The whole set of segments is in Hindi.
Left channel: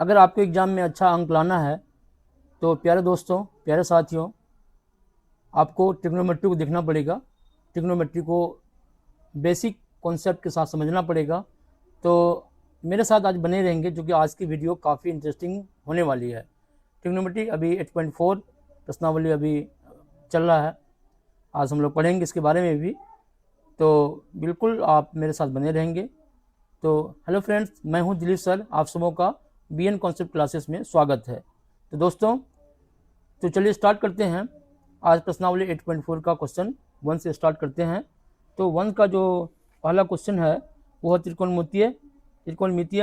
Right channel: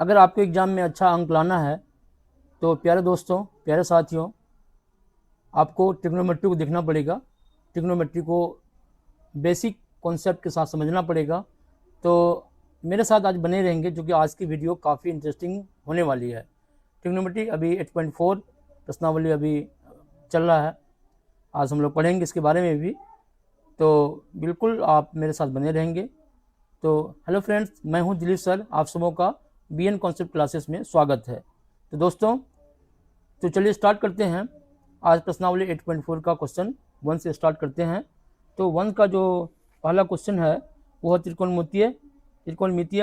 अगर आपको एग्ज़ाम में अच्छा अंक लाना है तो प्यारे दोस्तों, प्यारे साथियों, आपको ट्रिग्नोमेट्री को देखना पड़ेगा। ट्रिग्नोमेट्री को बेसिक कॉन्सेप्ट के साथ समझना पड़ेगा। तो मेरे साथ आज बने रहेंगे, जो कि आज की वीडियो काफ़ी इंटरेस्टिंग होने वाली है। ट्रिग्नोमेट्री अभी 8.4 प्रश्नावली अभी चल रहा है। आज हम लोग पढ़ेंगे इसके बारे में भी, तो बिल्कुल आप मेरे साथ बने रहेंगे। तो हेलो फ्रेंड्स, मैं हूं दिलीप सर, आप सबों का बीएन कॉन्सेप्ट क्लासेस में स्वागत है। तो दोस्तों, तो चलिए स्टार्ट करते हैं। आज प्रश्नावली 8.4 का क्वेश्चन 1 से स्टार्ट करते हैं। तो 1 का जो पहला क्वेश्चन है वो त्रिकोणमितीय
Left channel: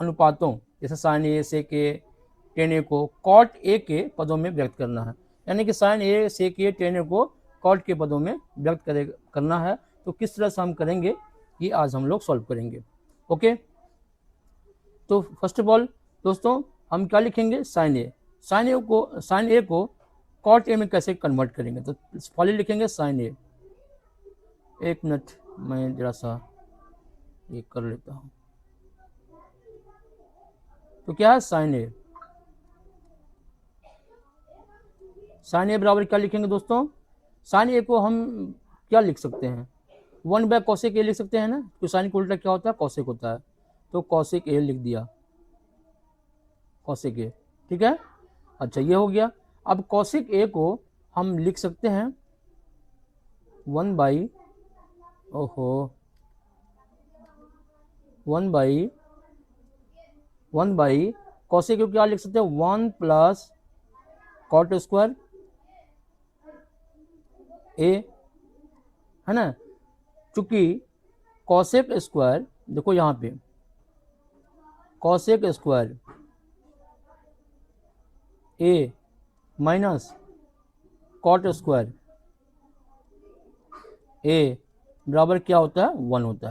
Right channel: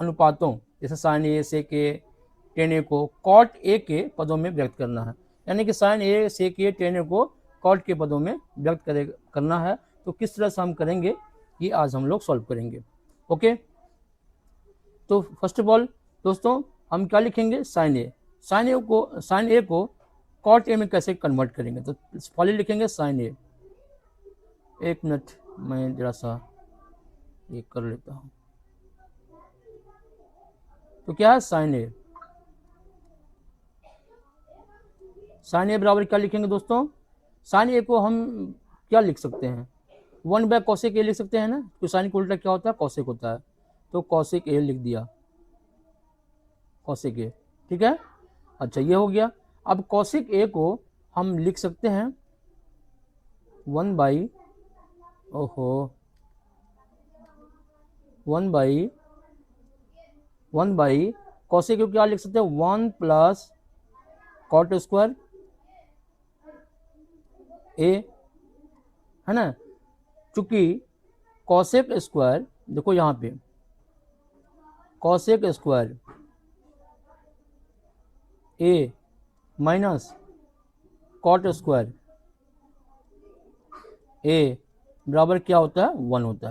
अनुपातों जैसे साइन ए से के टेन ए को कॉट ए के पदों में व्यक्त करना है। यानी कि साइन ए से के टेन ए को कॉट के पदों में व्यक्त करना है। तो किस तरह से हम करेंगे ये आज हम लोग सॉल्व करेंगे। ओके, तो फर्स्ट ऑफ ऑल दोस्तों, हम क्या लिखेंगे? साइन ए को कॉट ए में कैसे कन्वर्ट करेंगे? तो पहले लिखेंगे साइन ए। एक मिनट, मैं जरा सा ये कर लेता हूँ। तो क्या है साइन ए बराबर क्या लिखेंगे दोस्तों? साइन ए को हम क्या लिख सकते हैं? 1 कोसेक ए लिख सकते हैं ना। तो साइन का उल्टा क्या होता है? कोसेक होता है। तो कोसेक ए लिख दिया, कोसेक ए। ठीक है, अच्छा ये हो गया। अब कोसेक ए को हम लिख सकते हैं 1 बाई ओहो 1 बाई कोसेक को क्या लिख सकते हैं? 1 प्लस कॉट स्क्वायर ए, है ना। चूंकि कोसेक स्क्वायर, देखो यहाँ पे कोसेक स्क्वायर ए माइनस कॉट स्क्वायर ए बराबर क्या होता है? 1 होता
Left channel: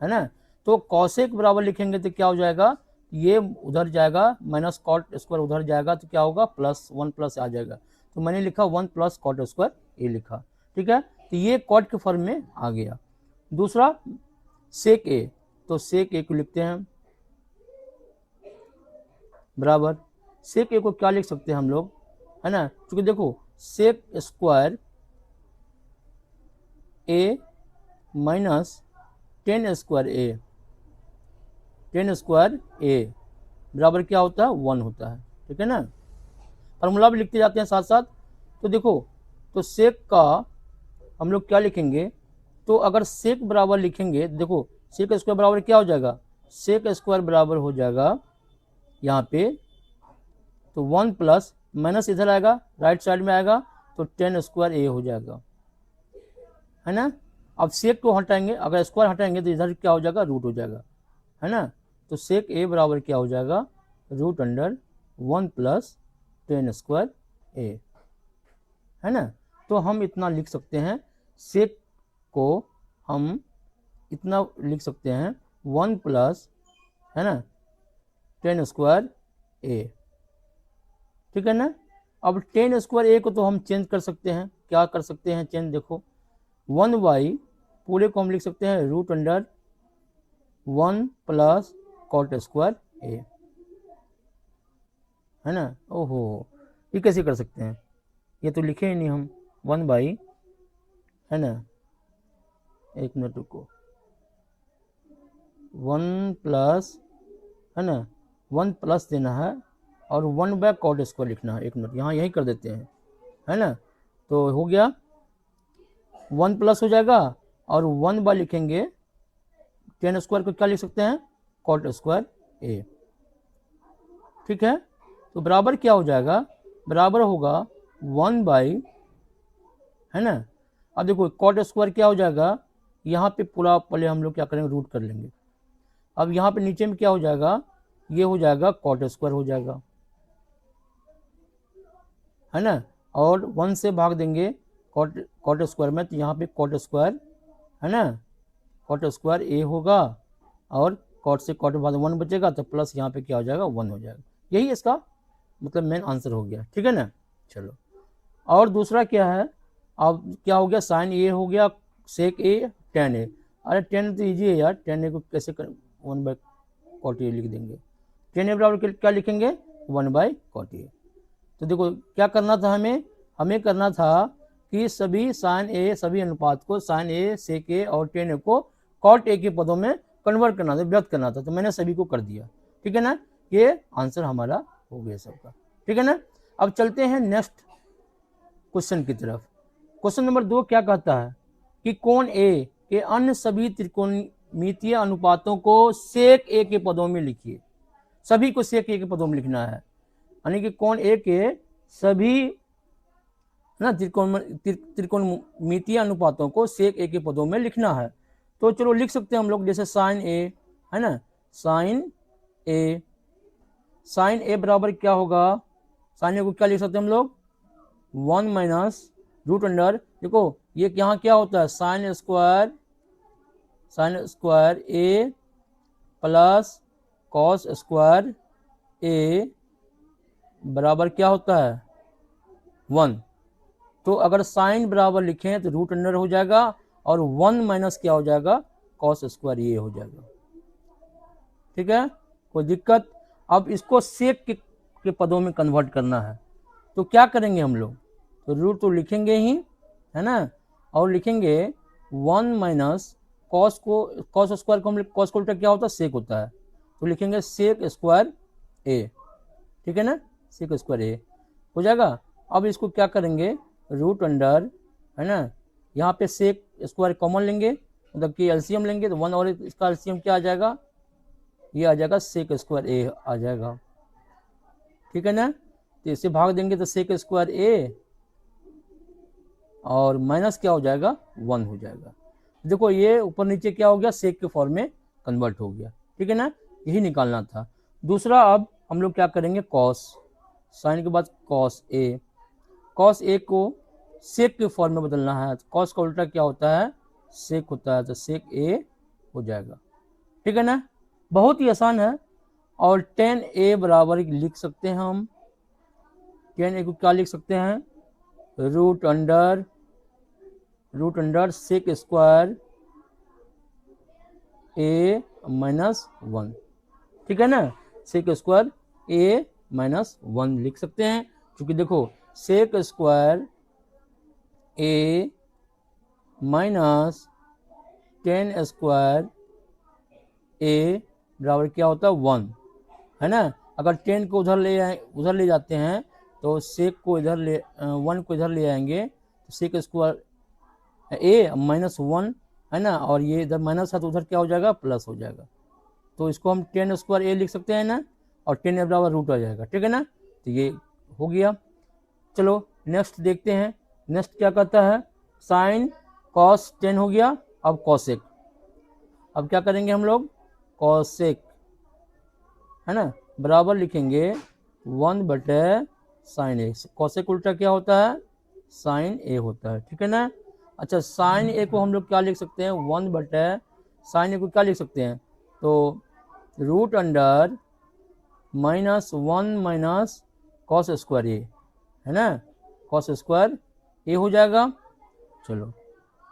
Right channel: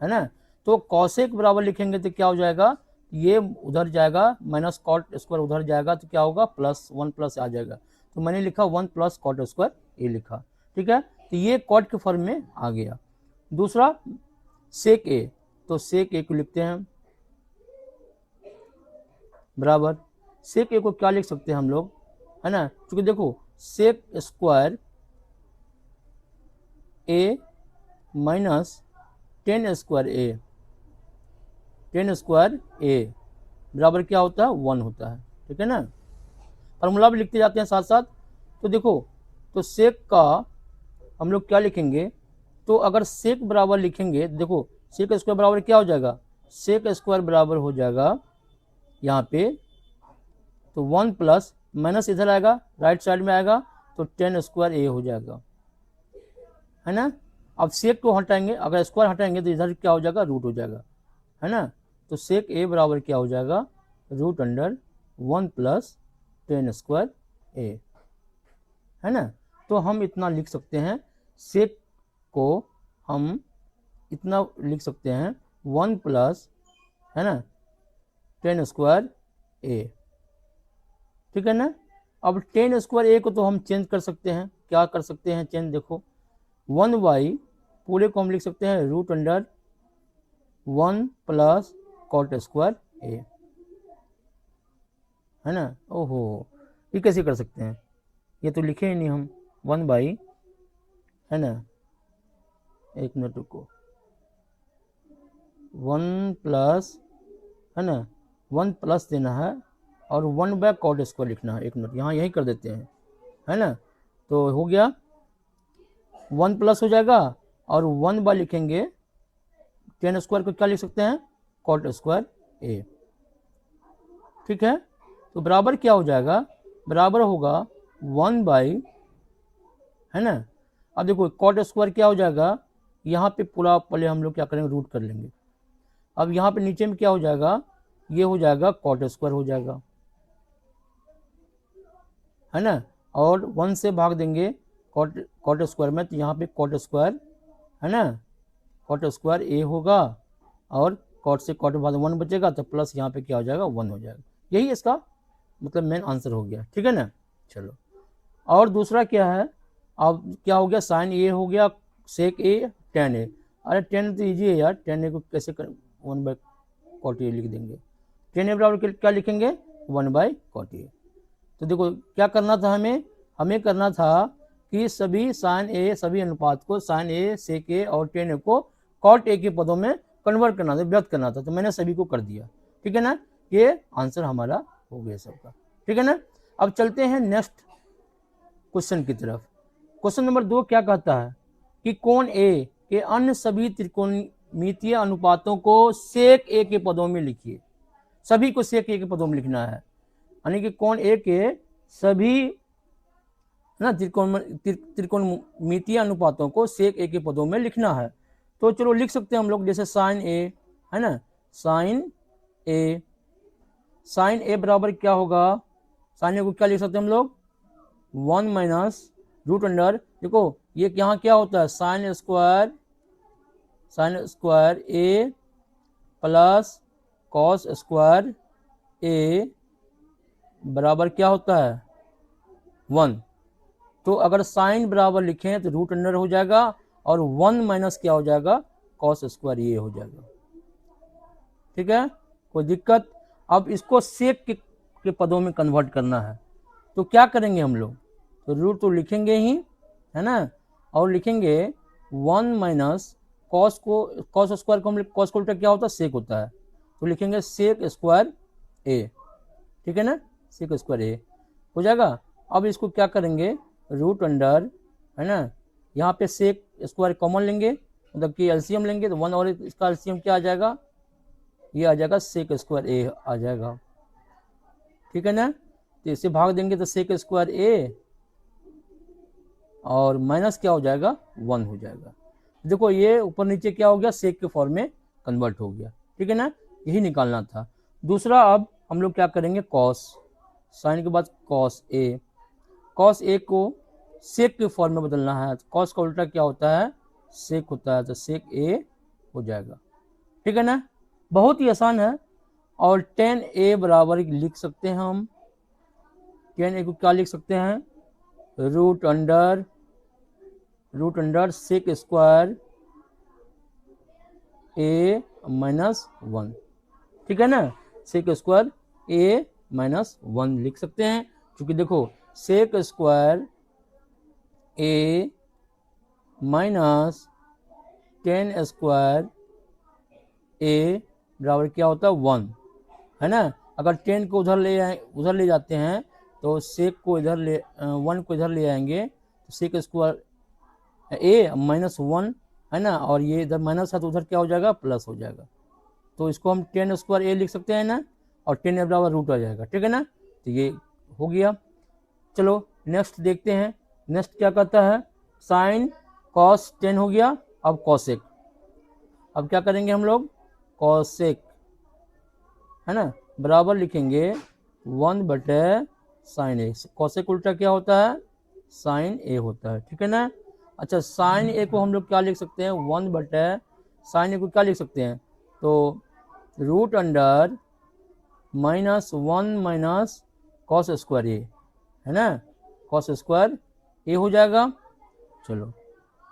है ना। तो कोसेक बराबर लिखेंगे तो क्या हो जाएगा? ये उधर जाएगा, माइनस कॉट स्क्वायर उधर जाएगा, तो क्या होगा? प्लस 1 प्लस आ जाएगा। तो मैंने लिखा 1 प्लस कॉट स्क्वायर ए लिखा। ठीक है, तो ये कॉट के फॉर्म में आ गया। दूसरा सेक ए, तो सेक ए को लिखते हैं बराबर, सेक ए को क्या लिख सकते हैं हम लोग, है ना। क्योंकि देखो सेक स्क्वायर ए माइनस टेन स्क्वायर ए बराबर क्या होता है? 1 होता है। ठीक है ना, फॉर्मूला भी लिखते जाते हैं साथ साथ। तो देखो, तो सेक का हम लोग क्या लिखेंगे? तो अगर सेक बराबर लिखेंगे, देखो सेक स्क्वायर बराबर क्या हो जाएगा? सेक स्क्वायर बराबर हो जाएगा यहाँ पे, तो 1 प्लस माइनस इधर आएगा, राइट साइड में आएगा, तो 10 स्क्वायर ए हो जाएगा, है ना। अब सेक को हटाएंगे, अगर स्क्वायर हटाएंगे तो इधर क्या हो जाएगा? रूट हो जाएगा, है ना। तो सेक ए बराबर क्या हो जाएगा? Root under 1 plus 10 square A, है ना। तो हम इतना लिख सकते हैं, सेक को हम इतना लिख सकते हैं 1 प्लस, है ना, 10 स्क्वायर ए। ठीक है ना। अब 10 स्क्वायर ए को तो हम चेंज कर सकते हैं। क्या कर सकते हैं चेंज? देखो 1 बाई पूरे को हम लिख सकते हैं root under 1 plus cot square A, है ना। ओहो, ये कैसे कर सकते हैं? ये तो लिखे ही नहीं हम। 1 बाई, है ना, एक मिनट रुको, 1 प्लस, है ना, 1 प्लस देना है और 1 बाय कॉट स्क्वायर लिखना है। एक मिनट यहाँ यही कर देते हैं, है ना। तो हो गया 1 प्लस हो जाएगा और 1 बाय लिखेंगे 10 स्क्वायर को क्या लिख सकता है? कॉट स्क्वायर ए। ठीक है, तो बराबर क्या हो जाएगा? बराबर होगा 1 बाई, है ना। अब देखो कॉट स्क्वायर क्या हो जाएगा? यहाँ पे पूरा पहले हम लोग क्या करेंगे? रूट कर लेंगे। अब यहाँ पे नीचे में क्या हो जाएगा? ये हो जाएगा कॉट स्क्वायर हो जाएगा, है ना। और 1 से भाग देंगे कॉट स्क्वायर में, तो यहाँ पे कॉट स्क्वायर, है ना, कॉट स्क्वायर ए होगा और कॉट से कॉट बाद 1 बचेगा, तो प्लस यहाँ पे क्या हो जाएगा? 1 हो जाएगा। यही इसका मतलब मेन आंसर हो गया। ठीक है ना। चलो, और दूसरा क्या है? अब क्या हो गया? साइन ए हो गया, सेक ए, टेन ए। अरे 10 तो ईजी है यार, 10 ए को कैसे 1 बाई कॉट ए लिख देंगे। tan a बराबर क्या लिखेंगे 1/cot a। तो देखो क्या करना था हमें करना था कि सभी साइन ए सभी अनुपात को साइन ए सेक ए और tan a को cot a के पदों में कन्वर्ट करना था, व्यक्त करना था। तो मैंने सभी को कर दिया, ठीक है ना। ये आंसर हमारा हो गया सबका, ठीक है ना। अब चलते हैं नेक्स्ट क्वेश्चन की तरफ। क्वेश्चन नंबर 2 क्या कहता है कि कोण ए के अन्य सभी त्रिकोणमितीय अनुपातों को सेक ए के पदों में लिखिए। सभी को सेक ए के पदों में लिखना है, यानी कि कोण ए के सभी ना त्रिकोणमितीय अनुपातों को सेक ए के पदों में लिखना है। तो चलो लिख सकते हैं हम लोग, जैसे साइन ए है ना, साइन ए बराबर क्या होगा, साइन ए को क्या लिख सकते हैं हम लोग 1 माइनस रूट अंडर, देखो ये यहाँ क्या होता है साइन स्क्वायर ए प्लस कॉस स्क्वायर ए बराबर क्या होता है 1। तो अगर साइन बराबर लिखें तो रूट अंडर हो जाएगा और 1 माइनस क्या हो जाएगा कॉस स्क्वायर ये हो जाएगा, ठीक है, कोई दिक्कत। अब इसको सेक के पदों में कन्वर्ट करना है, तो क्या करेंगे हम लोग, तो रूट तो लिखेंगे ही है ना, और लिखेंगे 1 माइनस कॉस स्क्वायर को हम कॉस को उल्टा क्या होता है सेक होता है, तो लिखेंगे सेक स्क्वायर ए, ठीक है ना, सेक स्क्वायर ए हो जाएगा। अब इसको क्या करेंगे रूट अंडर है ना, यहाँ पे सेक स्क्वायर कॉमन लेंगे, मतलब कि एलसीएम लेंगे, तो 1 और इसका एलसीएम क्या आ जाएगा, ये आ जाएगा सेक स्क्वायर ए आ जाएगा, ठीक है ना। तो इसे भाग देंगे तो सेक स्क्वायर ए और माइनस क्या हो जाएगा 1 हो जाएगा। देखो ये ऊपर नीचे क्या हो गया सेक के फॉर्म में कन्वर्ट हो गया, ठीक है ना, यही निकालना था। दूसरा अब हम लोग क्या करेंगे कॉस, साइन के बाद कॉस ए को सेक के फॉर्म में बदलना है, तो कॉस का उल्टा क्या होता है सेक होता है, तो सेक ए हो जाएगा, ठीक है ना, बहुत ही आसान है। और tan a बराबर लिख सकते हैं हम, tan a को क्या लिख सकते हैं root under sec square a minus 1, ठीक है ना, सेक स्क्वायर a माइनस 1 लिख सकते हैं, क्योंकि देखो sec square a minus tan square a बराबर क्या होता है 1 है ना। अगर 10 को उधर ले जाते हैं तो सेक को इधर 1 को इधर ले आएंगे, तो सेक स्क्वायर ए माइनस 1 है ना, और ये इधर माइनस है तो उधर क्या हो जाएगा प्लस हो जाएगा, तो इसको हम 10 स्क्वायर ए लिख सकते हैं ना, और 10 ए बराबर रूट आ जाएगा, ठीक है ना, तो ये हो गया। चलो नेक्स्ट देखते हैं, नेक्स्ट क्या कहता है साइन कॉस 10 हो गया, अब कॉसेक, अब क्या करेंगे हम लोग कॉसेक है ना, बराबर लिखेंगे 1 बटे साइन ए, कॉसेक उल्टा क्या होता है साइन ए होता है, ठीक है ना। अच्छा साइन ए को हम लोग क्या लिख सकते हैं 1 बटे साइन ए को क्या लिख सकते हैं, तो root under minus 1 minus cos square A है ना, कॉस स्क्वायर ए हो जाएगा। चलो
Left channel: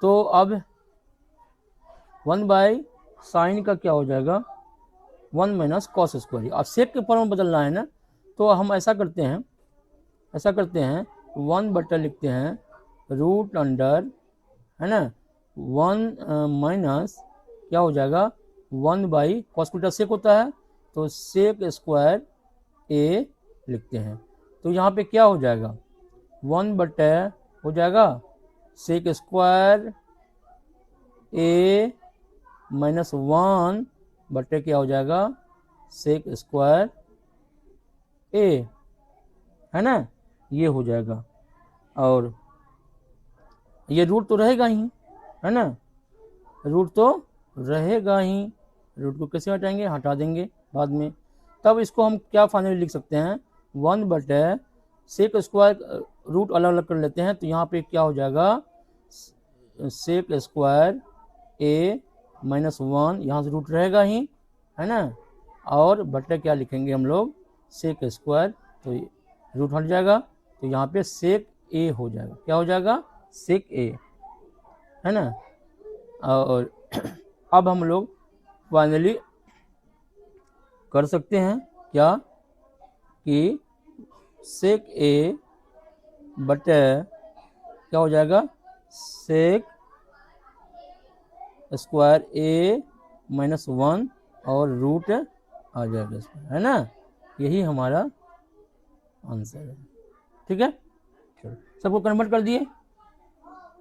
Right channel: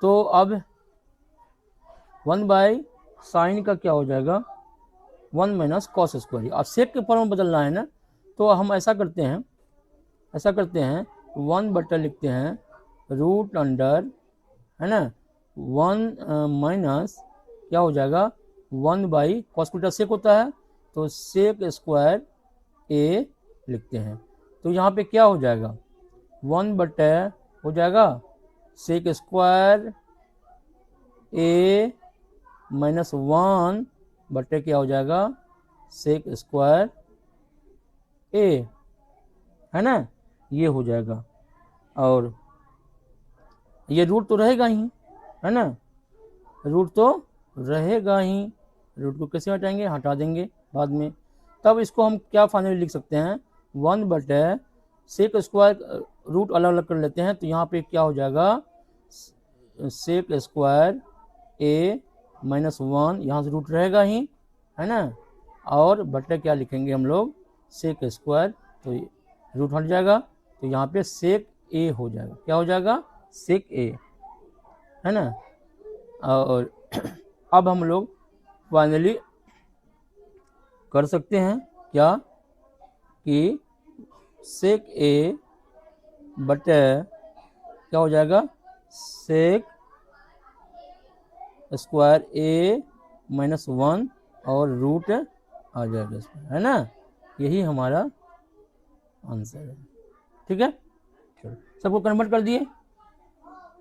तो अब 1 बाई साइन का क्या हो जाएगा 1 माइनस कॉस स्क्वायर, अब सेक के फॉर्म में बदलना है ना, तो हम ऐसा करते हैं 1 बटा लिखते हैं रूट अंडर है ना 1 माइनस क्या हो जाएगा 1 बाई कॉस उल्टा सेक होता है, तो सेक स्क्वायर ए लिखते हैं, तो यहाँ पे क्या हो जाएगा 1 बटे हो जाएगा सेक स्क्वायर ए माइनस 1 बटे क्या हो जाएगा सेक स्क्वायर ए है ना, ये हो जाएगा, और ये रूट तो रहेगा ही है ना, रूट तो रहेगा ही, रूट को कैसे हटाएंगे हटा देंगे बाद में, तब इसको हम क्या फाइनली लिख सकते हैं 1 बटे सेक स्क्वायर रूट अलग अलग कर लेते हैं, तो यहाँ पे क्या हो जाएगा सेक स्क्वायर ए माइनस 1, यहाँ से रूट रहेगा ही है ना, और बटे क्या लिखेंगे हम लोग सेक स्क्वायर, तो रूट हट जाएगा, तो यहाँ पे सेक ए हो जाएगा, क्या हो जाएगा सेक ए है ना। और अब हम लोग फाइनली कर सकते हैं क्या कि सेक ए बटा क्या हो जाएगा सेक स्क्वायर ए माइनस 1 और रूट आ जाएगा इसमें, है ना। यही हमारा आंसर है। ठीक है, चलो सबको कन्वर्ट कर दिए।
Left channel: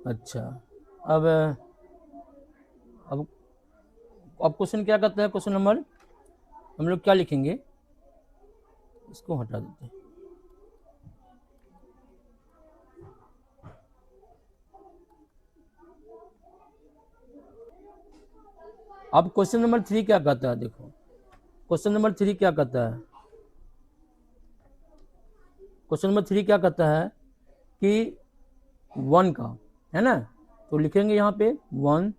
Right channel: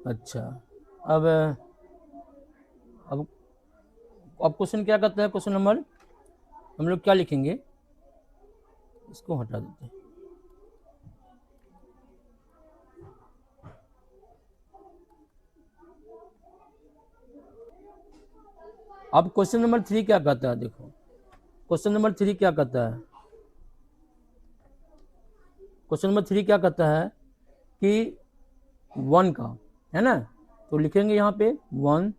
अच्छा, अब क्वेश्चन क्या करता है, क्वेश्चन नंबर हम लोग क्या लिखेंगे, इसको हटा देते हैं। अब क्वेश्चन नंबर 3 क्या कहता है, देखो क्वेश्चन नंबर 3 क्या कहता है। क्वेश्चन नंबर 3 क्या कहता है कि 1 का, है ना, तो लिखेंगे यहाँ पे 1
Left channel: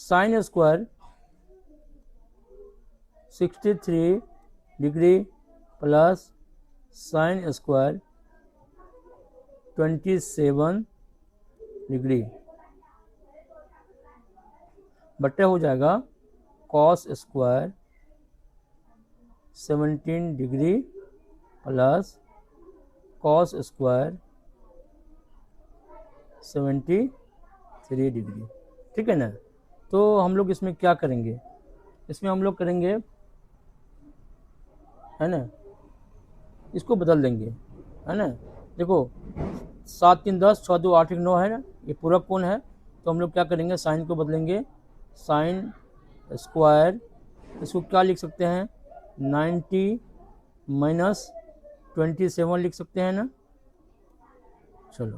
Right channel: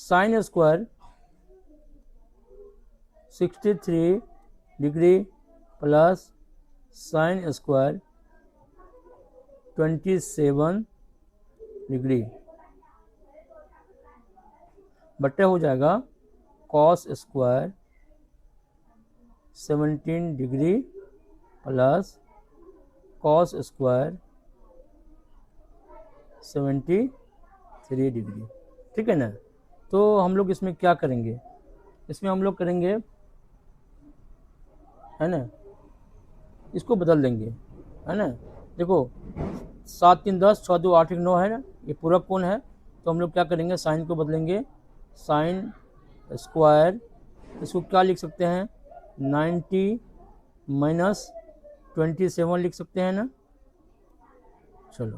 sine square 63 degree plus sine square 27 degree बट्टा हो जाएगा cos square 17 degree plus cos square 73 degree. ठीक है ना। तो हम लोग इसमें क्या करेंगे, इसमें हम लोग करेंगे, है ना, इसको बदल देंगे, है ना। देखो 7 3 10 6 2 8 1 9 है ना, ये पूरा कोण है, तो हम लोग क्या करेंगे साइन को बदलेंगे, साइन स्क्वायर इसको क्या लिख सकते हैं 90 माइनस 27 लिख सकते हैं ना। चलो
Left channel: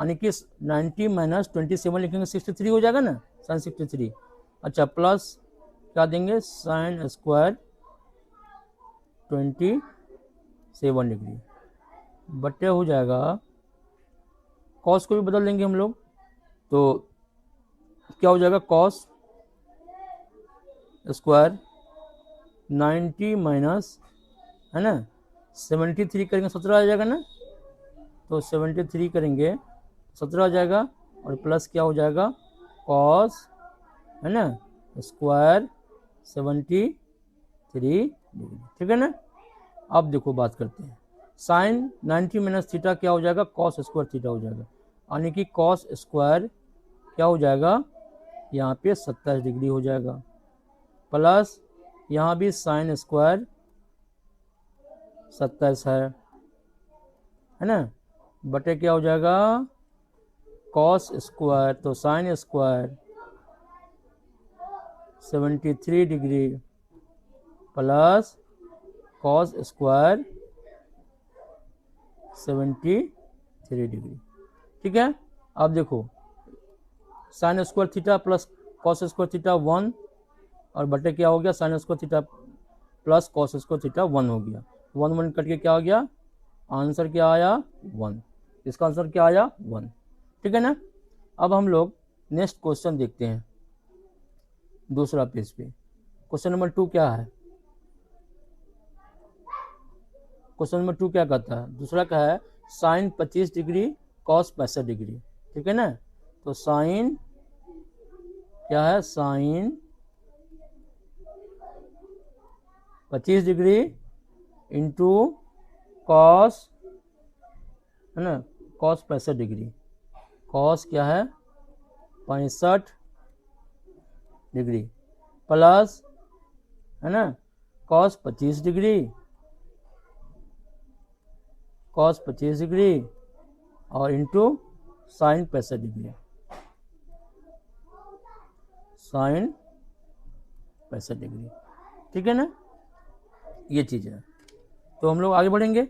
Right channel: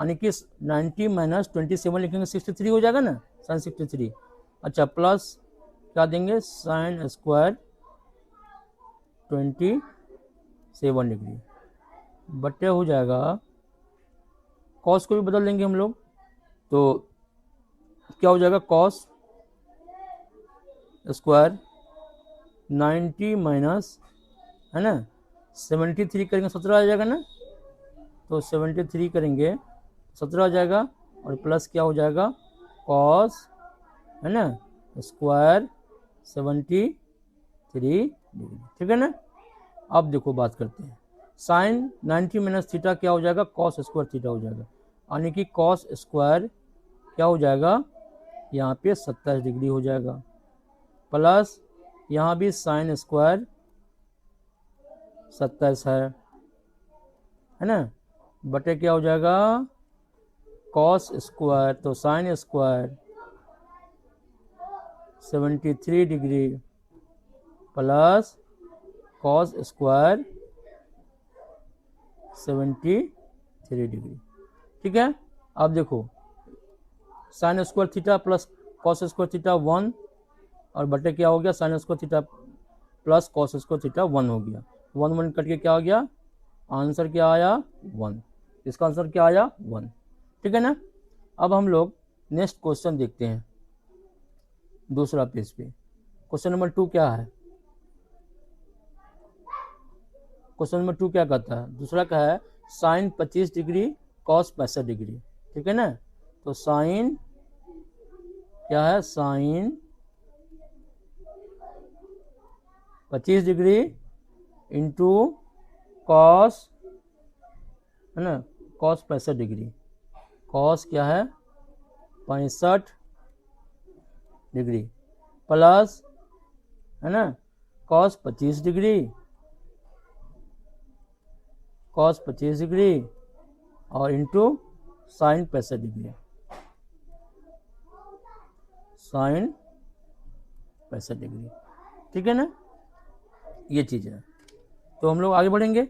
यानी कि 90 माइनस 27 लिखेंगे 63 हो जाएगा ना, साइन 63। अच्छा प्लस क्या देंगे साइन स्क्वायर 27 डिग्री बट्टे हो जाएगा, कॉस को भी बदल देंगे हम लोग, तो क्या हो जाएगा कॉस स्क्वायर 90 माइनस, है ना, 73 करेंगे 17 आ जाएगा ना, तो 73 करेंगे 17 आ जाएगा, और प्लस क्या हो जाएगा कॉस, है ना, स्क्वायर 73 डिग्री। ठीक है ना। अब देखो बात करते हैं, साइन 90 माइनस थीटा क्या हो जाएगा कॉस स्क्वायर थीटा हो जाएगा, यानी कि कॉस स्क्वायर क्या हो जाएगा यहाँ पे 27 डिग्री हो जाएगा, प्लस यहाँ भी साइन स्क्वायर 27 है ना, बटे क्या हो जाएगा कॉस स्क्वायर, तो sine square 73 degree plus cos square 73 degree. ठीक है। अब देखो sign square theta plus cos square theta 1 और बटे क्या हो गया sine square theta plus cos square theta 1 हो गया, 1 1 कट के क्या हो गया आंसर क्या आया 1, इसका आंसर क्या आया 1। ठीक है ना। अब हम लोग नेक्स्ट क्वेश्चन देखते हैं, दूसरा पेज पे क्वेश्चन नंबर 2 क्या है, क्वेश्चन नंबर 2 क्या कहता है, दूसरा क्या है साइन 25 डिग्री कॉस 65 डिग्री। ठीक है ना, तो साइन क्या है साइन 25 डिग्री इंटू कॉस, है ना, कॉस 65 डिग्री, कॉस क्या है 65 डिग्री प्लस, है ना, कॉस 25 डिग्री, कॉस 25 डिग्री और into sine 65 degree, sine 65 degree. ठीक है ना, ये चीज है। तो हम लोग आगे बढ़ेंगे,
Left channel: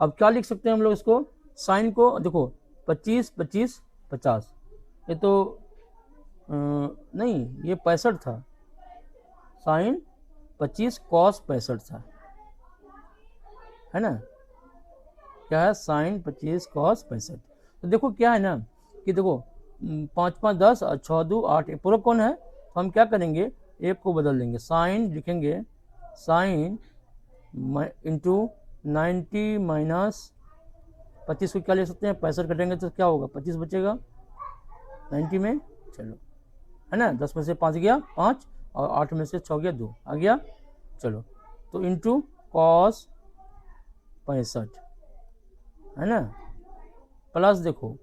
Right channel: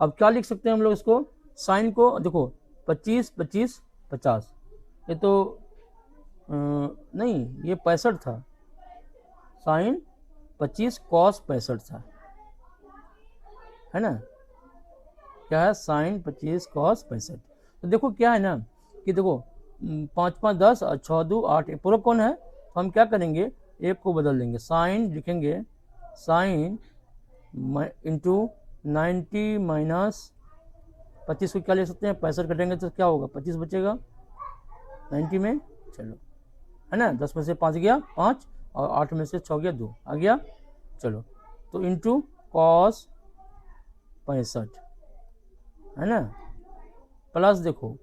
अब क्या लिख सकते हैं हम लोग इसको, साइन को देखो 25 25 50, ये तो नहीं ये 65 था, साइन 25 कॉस 65 था, है ना, क्या है साइन 25 कॉस 65। तो देखो क्या है ना कि देखो 5 5 10 और 6 2 8 पूरा कौन है, तो हम क्या करेंगे एक को बदल देंगे, साइन लिखेंगे साइन इंटू 90 माइनस 25 को क्या ले सकते हैं 65 कटेंगे तो क्या होगा 25 बचेगा 90 में, चलो है ना, 10 में से 5 गया 5 और 8 में से 6 गया 2 आ गया, चलो तो इंटू कॉस 65 है ना, प्लस देखो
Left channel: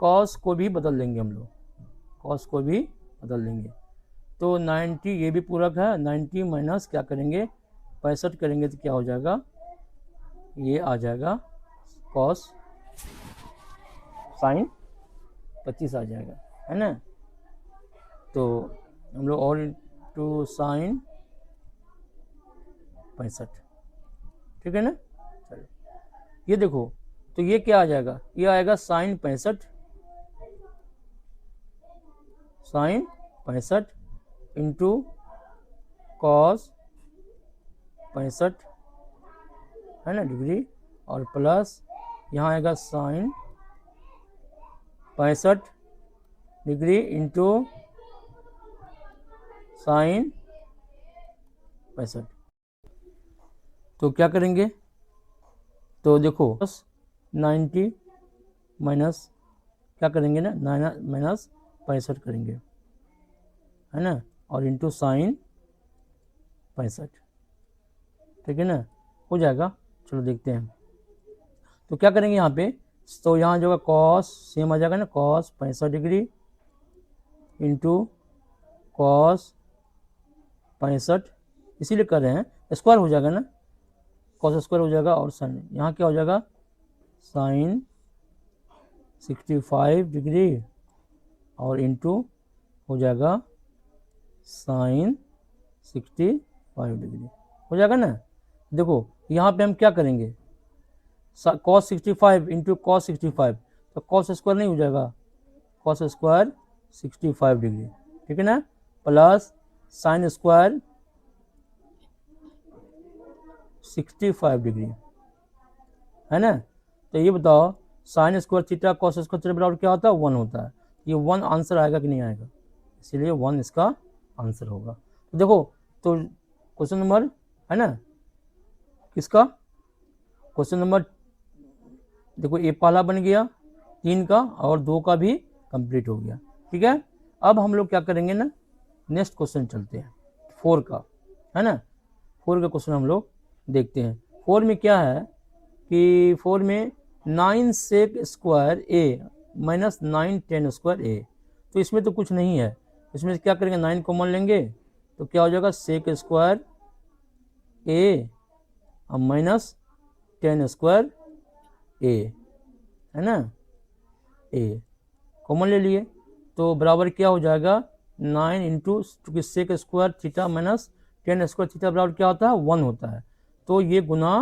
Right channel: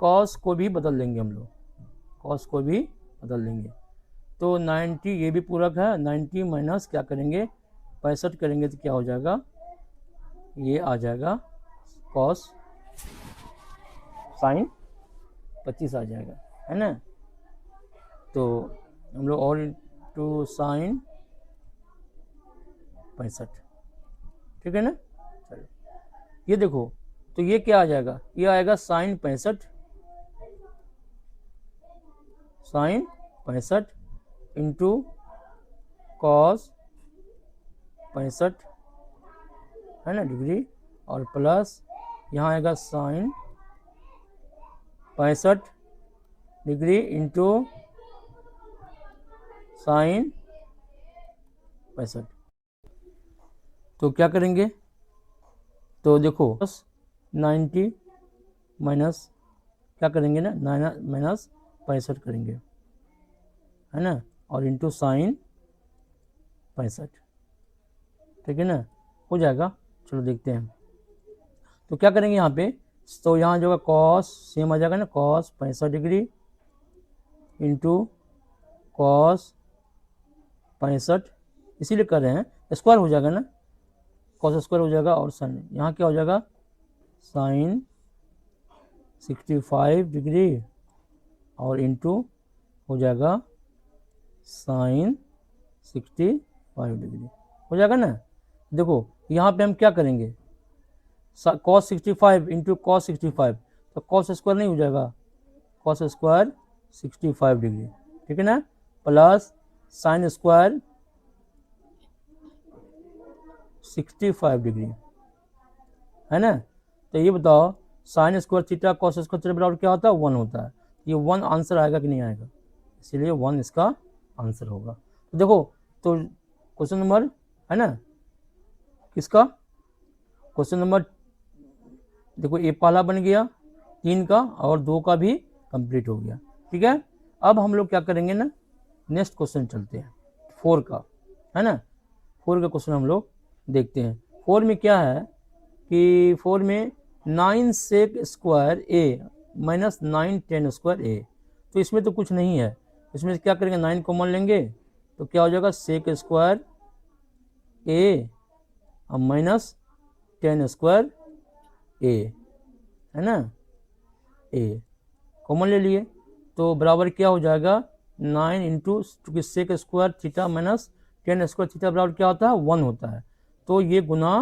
कॉस को भी बदल देंगे हम लोग, कॉस को भी बदल देंगे। तो 90 ये भी पूरक है, 90 माइनस क्या करेंगे 65 करेंगे तो क्या हो जाएगा, ये आ जाएगा कॉस साइन 25 आ जाएगा, है ना। तो हम लोग और इंटू साइन 65, ठीक है ना। चलो ये देखो, तो ये क्या आ जाएगा, ये आएगा साइन 65, साइन 65 इंटू कॉस 65 है ना डिग्री, और प्लस यहाँ आएगा साइन 65 डिग्री इंटू साइन 65। तो क्या करेंगे, तो देखो 90 माइनस क्या करेंगे ना, माइनस 65 करेंगे, है ना, और इंटू साइन 65, ठीक है ना, हो जाएगा। चलो देखते हैं, तो क्या करेंगे यहाँ पे, तो यहाँ जो है कॉस सेम आ जाएगा ना, कॉस 65 डिग्री इंटू कॉस 65, इसीलिए कर रहे हैं, स्क्वायर हो जाएगा ना, कॉस स्क्वायर हो जाएगा, और साइन यहाँ क्या हो जाएगा साइन 65 डिग्री और इंटू हो जाएगा साइन 65 डिग्री, हो जाएगा ना। देखो यहाँ पे हम क्या करेंगे, कॉस 65 इंटू कॉस 65, तो कॉस स्क्वायर नहीं हो जाएगा, कॉस स्क्वायर 65 डिग्री, ठीक है ना, प्लस साइन स्क्वायर 65 डिग्री, है ना। तो ये बताओ sign square theta cos square theta बराबर क्या होता है, 1 होता है। ये 1 आंसर आएगा कि नहीं आएगा, इसीलिए 1 इसका आंसर होगा। तो देखो, तो क्वेश्चन नंबर है ना किसका, क्वेश्चन नंबर देखो ये पहला बन गया 3 का, और 2 का भी कंप्लीट हो गया, ठीक है। अब हम लोग क्या करेंगे ना, नेक्स्ट क्वेश्चन चलते हैं 4 का, है ना। 4 का क्वेश्चन हम लोग देखते हैं। 4 में क्या है कि 4 में 9 सेक स्क्वायर ए माइनस 9 10 स्क्वायर ए, तो इसमें तो कुछ नहीं है, इसमें क्या करेंगे 9 कॉमन लेंगे, तो क्या हो जाएगा सेक स्क्वायर ए और माइनस 10 स्क्वायर ए, है ना, ए कॉमन ले लिए, तो बराबर क्या हो जाएगा 9 इंटू चूंकि sec square theta minus 10 square theta बराबर क्या होता है 1 होता है, तो ये गुना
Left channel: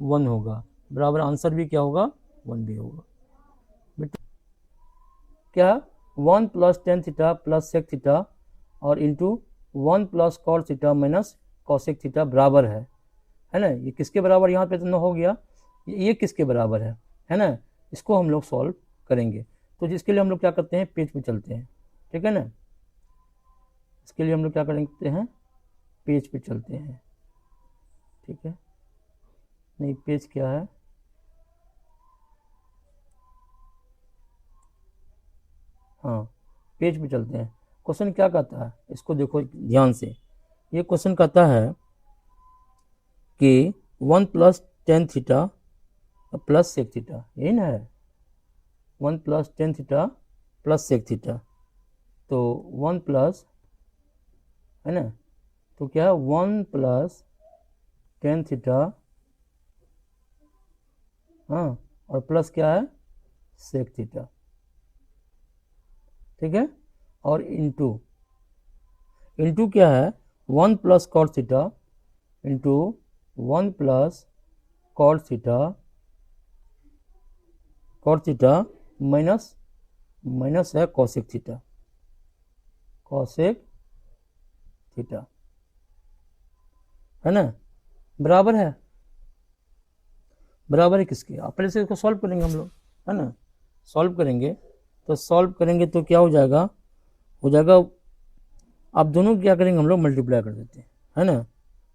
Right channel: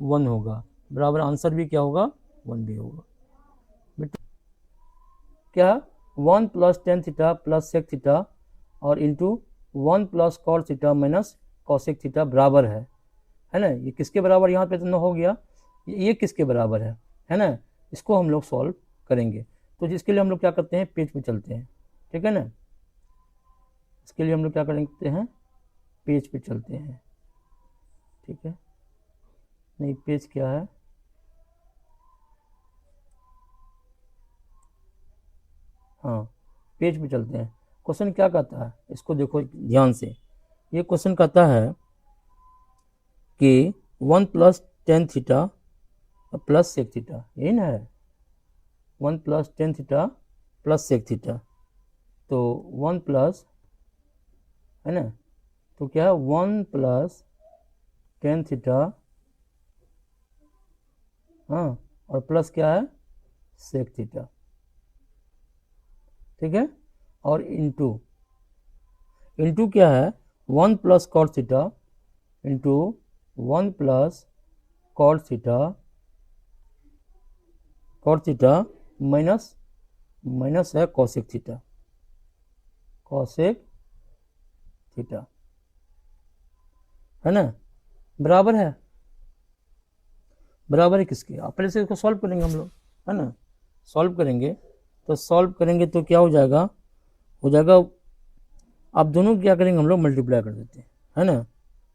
1 होगा, बराबर आंसर भी क्या होगा 1 भी होगा। क्या 1 plus 10 theta plus sec theta और into 1 plus cos theta minus cosec theta बराबर है ना, ये किसके बराबर यहाँ पे इतना हो गया, ये किसके बराबर है ना, इसको हम लोग सॉल्व करेंगे। तो जिसके लिए हम लोग क्या करते हैं पेज पे चलते हैं, ठीक है ना, इसके लिए हम लोग क्या करते हैं पेज पे चलते हैं, ठीक है, नहीं पेज क्या है, हाँ पेज पे चलते हैं। क्वेश्चन क्या कहता है, इसको देखो ध्यान से, ये क्वेश्चन कहता है कि 1 plus 10 theta plus sec theta, यही ना है 1 plus 10 theta plus sec theta, तो 1 प्लस है ना, तो क्या है 1 प्लस 10 थीटा, हाँ, और प्लस क्या है सेक थीटा, ठीक है, और इंटू इंटू क्या है 1 plus cot theta into 1 plus cot theta minus minus है कॉसेक थीटा, कॉसेक थीटा, है ना, बराबर है, बराबर है किसके, पहले से इसको सॉल्व करेंगे हम लोग, है ना, सॉल्व करेंगे, तो सॉल्व करेंगे तो क्या हो जाएगा, अब दोनों क्या करेंगे हम लोग मल्टीप्लाई कर देते हैं, है ना,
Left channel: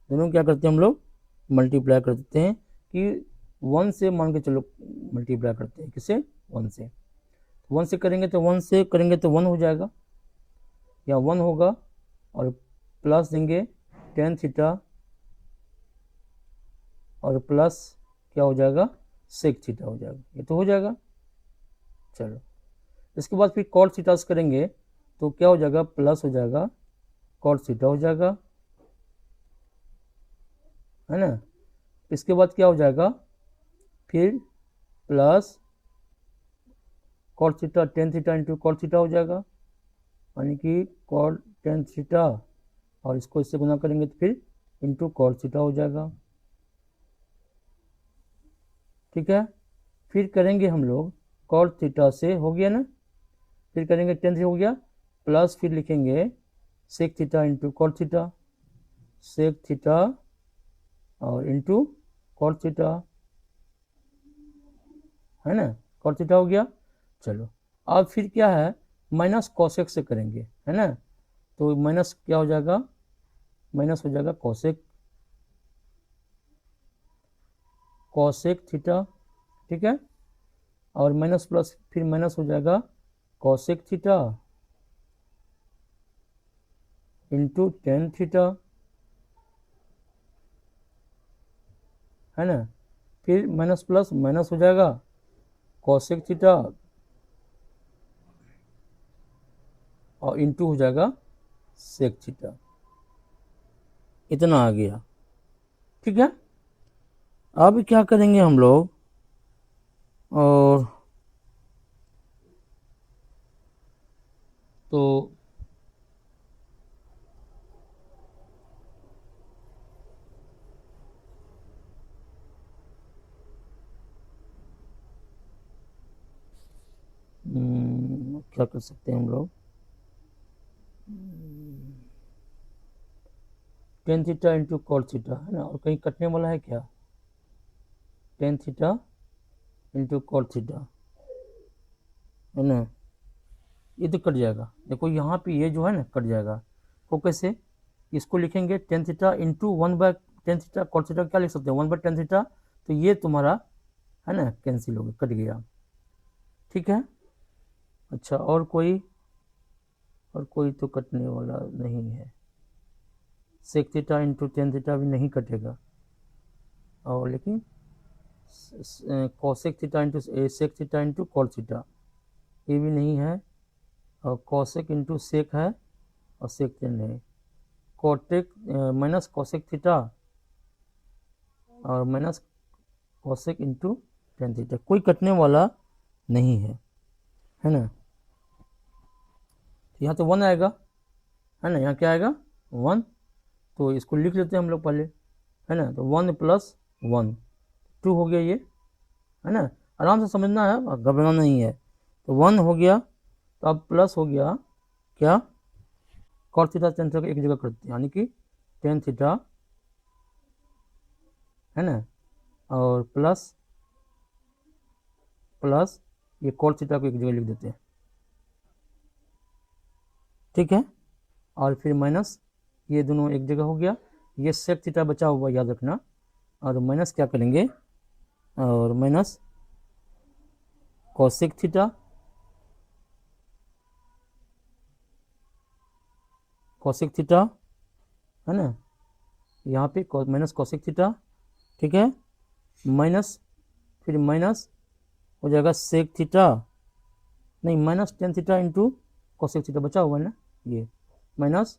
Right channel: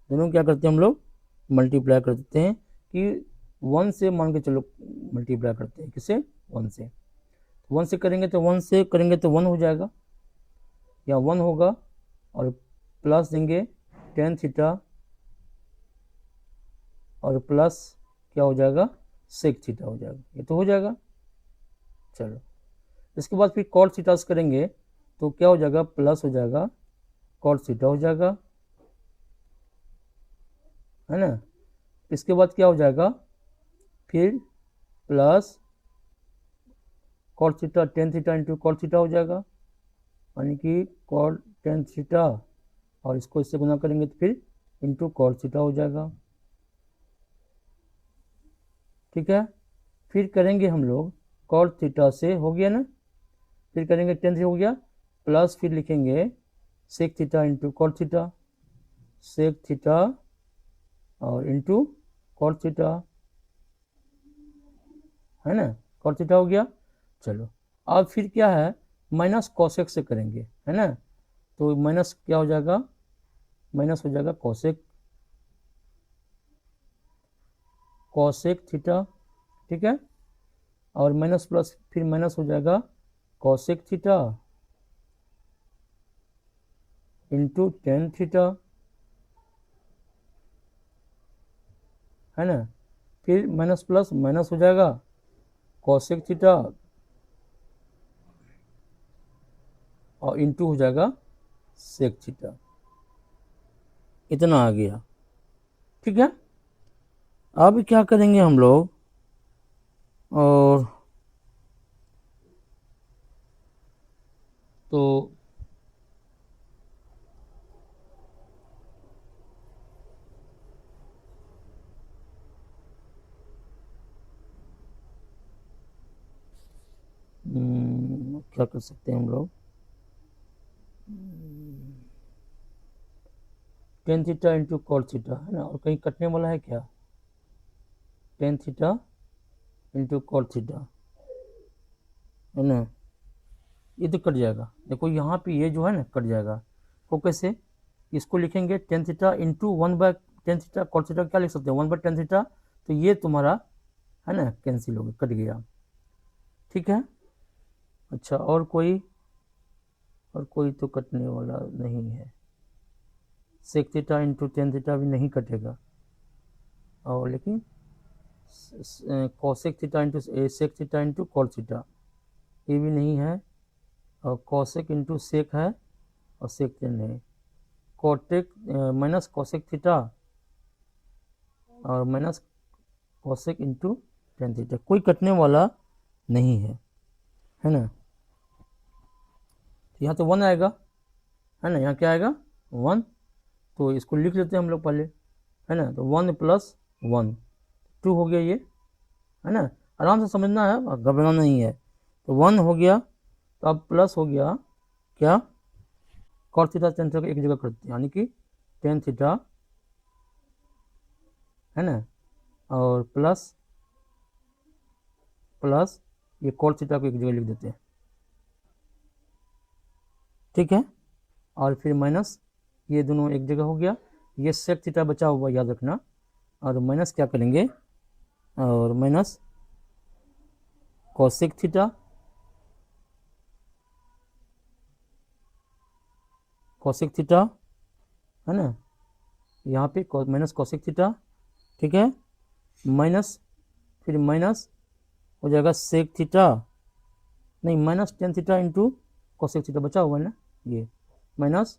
दोनों क्या करते हैं हम लोग मल्टीप्लाई कर देते हैं, कि 1 से मान के चलो मल्टीप्लाई करते हैं, किसे 1 से, 1 से करेंगे तो 1 से करेंगे तो 1 हो जाएगा, या 1 होगा, और प्लस देंगे 10 थीटा और प्लस क्या हो जाएगा, सेक थीटा हो जाएगा। ये तो हो जाएगा। चलो इसके बाद फिर कॉट थीटा करेंगे तो क्या हो जाएगा, प्लस हो जाएगा कॉट थीटा हो जाएगा, है ना। इसके बाद क्या हो जाएगा, फिर plus cot theta tan theta into cot theta हो जाएगा, यानी कि कॉट टेन थीटा और इसको इससे गुना करेंगे तो फिर इंटू कॉट थीटा हो जाएगा। ठीक है, फिर करेंगे हम लोग कॉट थीटा से, हो गया ना, फिर करेंगे टेन थीटा हो गया, प्लस फिर लिखेंगे sec theta into cot theta, sec theta और इंटू कॉट थीटा, है ना, कॉट थीटा हो गया। चलो अब फिर क्या है, माइनस कॉसेक से करेंगे, है ना, तो माइनस क्या हो जाएगा, माइनस हो जाएगा कॉसेक, कॉसेक थीटा, ठीक है, और माइनस प्लस फिर माइनस हो जाएगा cosec theta into tan theta, है ना, फिर माइनस प्लस माइनस हो जाएगा कॉसेक थीटा और इंटू हो जाएगा सेक थीटा, इतना आ गया। ठीक है, अब क्या करेंगे हम लोग, और तो क्या कर सकते हैं हम लोग, tan theta into cot theta, है ना, और कहीं कटने वाला है क्या, tan theta into cot theta, है ना, ये तो कट जाएगा, देखो यहाँ पे ये जो है ना कट जाएगा, तो कैसे, इसको लिखेंगे tan theta into one by tan theta cot theta, क्या लिख सकते हैं, वन बाय टेन थीटा, तो ये तुम्हारा है ना कैंसिल हो गया, कट गया। ठीक है, अच्छा और कोई तो कटने वाला नहीं है, sec theta into tan theta भी नहीं कटेगा, और लेकिन cosec theta into sec theta into cot theta ये भी नहीं है, और कोसेक इंटू सेक है और सेक टेन है, कोटेक माइनस कोसेक थीटा और minus cosec into tan theta, कोई कटने वाला नहीं है ना, यहाँ तो वन आएगा, है ना, यहाँ क्या आएगा वन, तो इसको लिख लेते हैं हम लोग पहले, है ना, तो वन प्लस वन टू हो गया ये, है ना, आराम से समझना है, घबराना नहीं है, तो वन हो गया, तो अब प्लस हो गया क्या, कॉट थीटा टेन थीटा एक जगह करते हैं, यानी कि टेन थीटा, है ना, और प्लस प्लस ये कॉट थीटा को एक जगह लिख देते हैं, ठीक है, और फिर माइनस ये दोनों एक जगह हो गया, ये सेक थीटा बचा हुआ याद रखना, और माइनस क्या करेंगे, और minus cosec theta, cosec theta, है ना, यहाँ पे माइनस कोसेक थीटा, ठीक है, माइनस फिर माइनस हो जाएगा सेक थीटा, नहीं minus tan theta into cosec theta बचा हुआ है ना, ये माइनस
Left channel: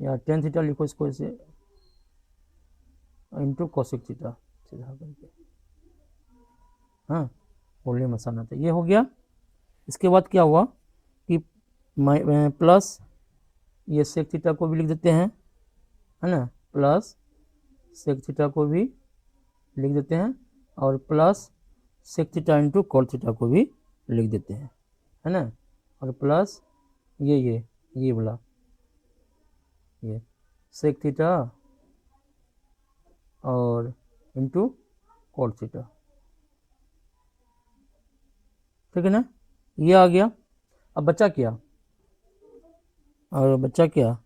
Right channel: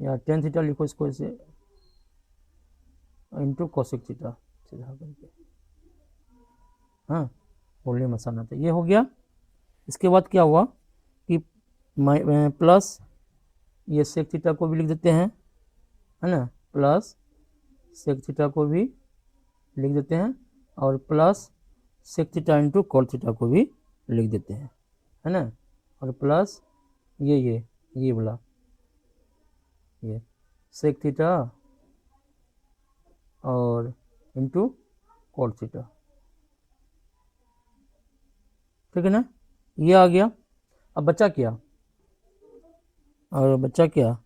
टेन थीटा लिखो इसको ऐसे इंटू कोसेक थीटा सीधा करके, हाँ बोलिए मसाला, तो ये हो गया। इसके बाद क्या हुआ कि प्लस ये सेक थीटा को भी लिख देते हैं, है ना, प्लस सेक थीटा को भी लिख देते हैं, और plus sec theta into cot theta को भी लिख देते हैं, है ना, और प्लस ये बोला ये सेक थीटा और इंटू कॉट थीटा, ठीक है ना, ये आ गया। अब बचा क्या, और बचा क्या,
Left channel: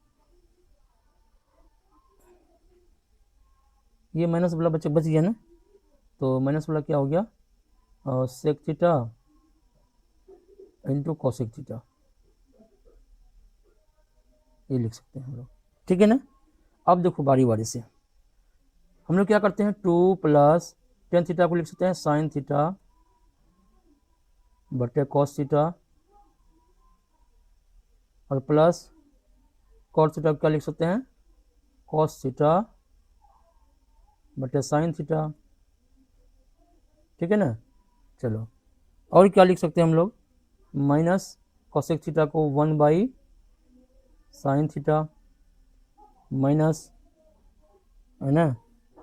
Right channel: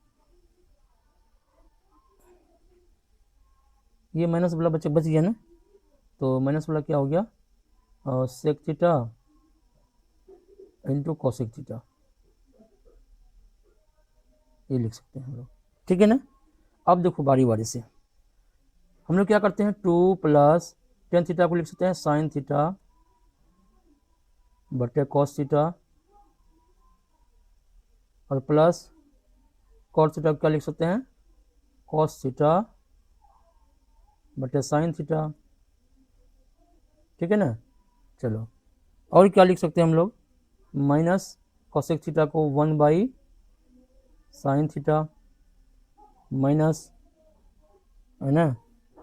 ये माइनस वाला बच गया ना, तो माइनस वाला क्या हो गया, और sec theta into cosec theta, ये लिख सकते हैं हम लोग, ठीक है ना। अब देखो बारी बारी से, हम लोग क्या करते हैं, 2 प्लस टेन थीटा को लिख सकते हैं साइन थीटा बटे कॉस थीटा, और प्लस कॉस थीटा क्या लिख सकते हैं, कॉस थीटा बटे साइन थीटा, ठीक है ना। चलो, और क्या लिख सकते हैं हम लोग, माइनस कोसेक थीटा को 1 बाई साइन थीटा माइनस, है ना,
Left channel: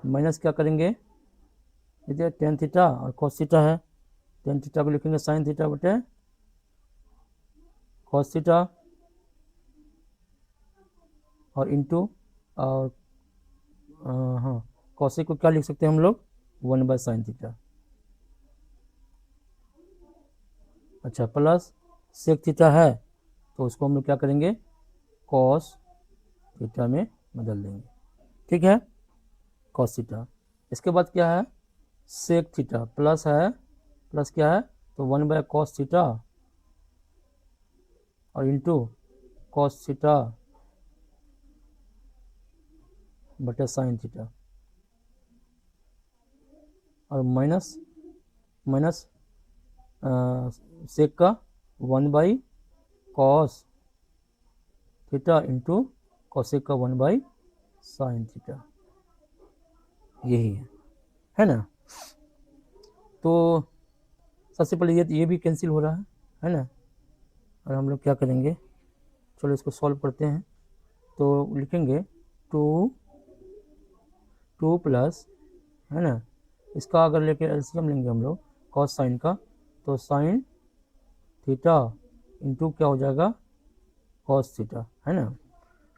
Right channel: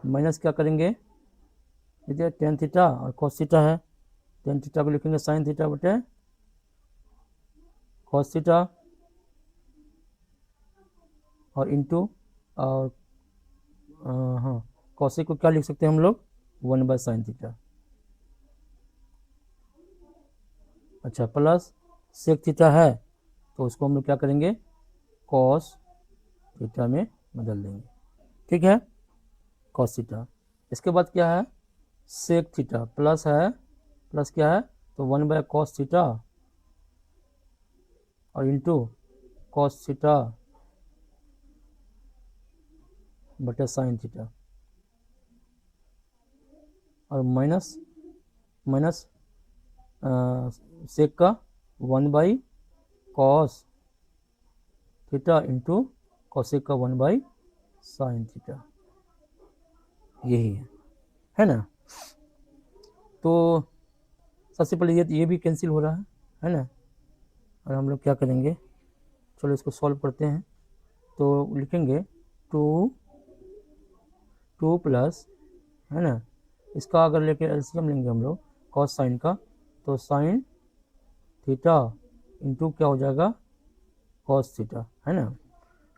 माइनस क्या करेंगे, देखिए टेन थीटा और कॉस थीटा है, टेन थीटा को लिखेंगे साइन थीटा बटे कॉस थीटा, और इंटू, और हाँ कॉसेक को क्या लिख सकते हैं हम लोग, 1 बाई साइन थीटा। अच्छा, प्लस सेक थीटा है तो उसको हम लोग क्या करेंगे, कॉस थीटा में बदल देंगे, ठीक है, कॉस थीटा। इसके बाद क्या है, सेक थीटा प्लस है, प्लस क्या है, तो 1 बाय कॉस थीटा और इंटू कॉस थीटा बटे साइन थीटा, और माइनस माइनस सेक का 1 by cos theta into cosec का 1 बाई साइन थीटा, यही है ना। तो सबसे पहले ये भी कैंसिल हो रहा है ना, और हम लोग क्या करेंगे, चलो इसको सॉल्व करते हैं। तो लिखेंगे 2 प्लस, है ना, इसका अगर लेके एलसीएम लेंगे हम लोग कॉस साइन का, तो साइन थीटा इंटू क्या हो जाएगा, कॉस थीटा, है ना।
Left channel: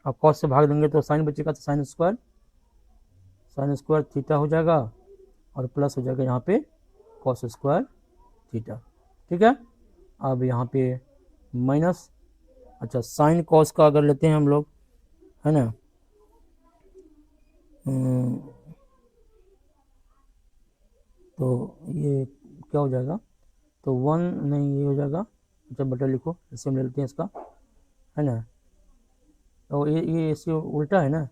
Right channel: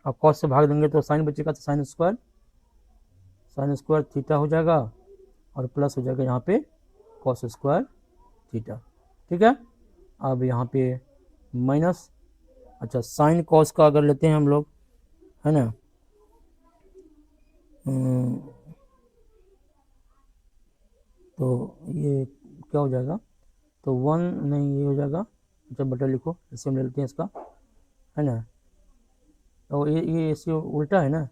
आप कॉस से भाग देंगे तो साइन बचेगा, तो साइन स्क्वायर थीटा हो जाएगा, और प्लस हो जाएगा यहाँ पे कॉस स्क्वायर थीटा, ठीक है। अब यहाँ पे माइनस, अच्छा साइन कॉस का अगर लेते हैं हम लोग, है ना, तो ये क्या हो जाएगा, तो 1 नहीं ये हो जाएगा, अच्छा बटा लिखो, इसे हम लेते हैं इसका, है ना, तो ये इसे उल्टा है ना,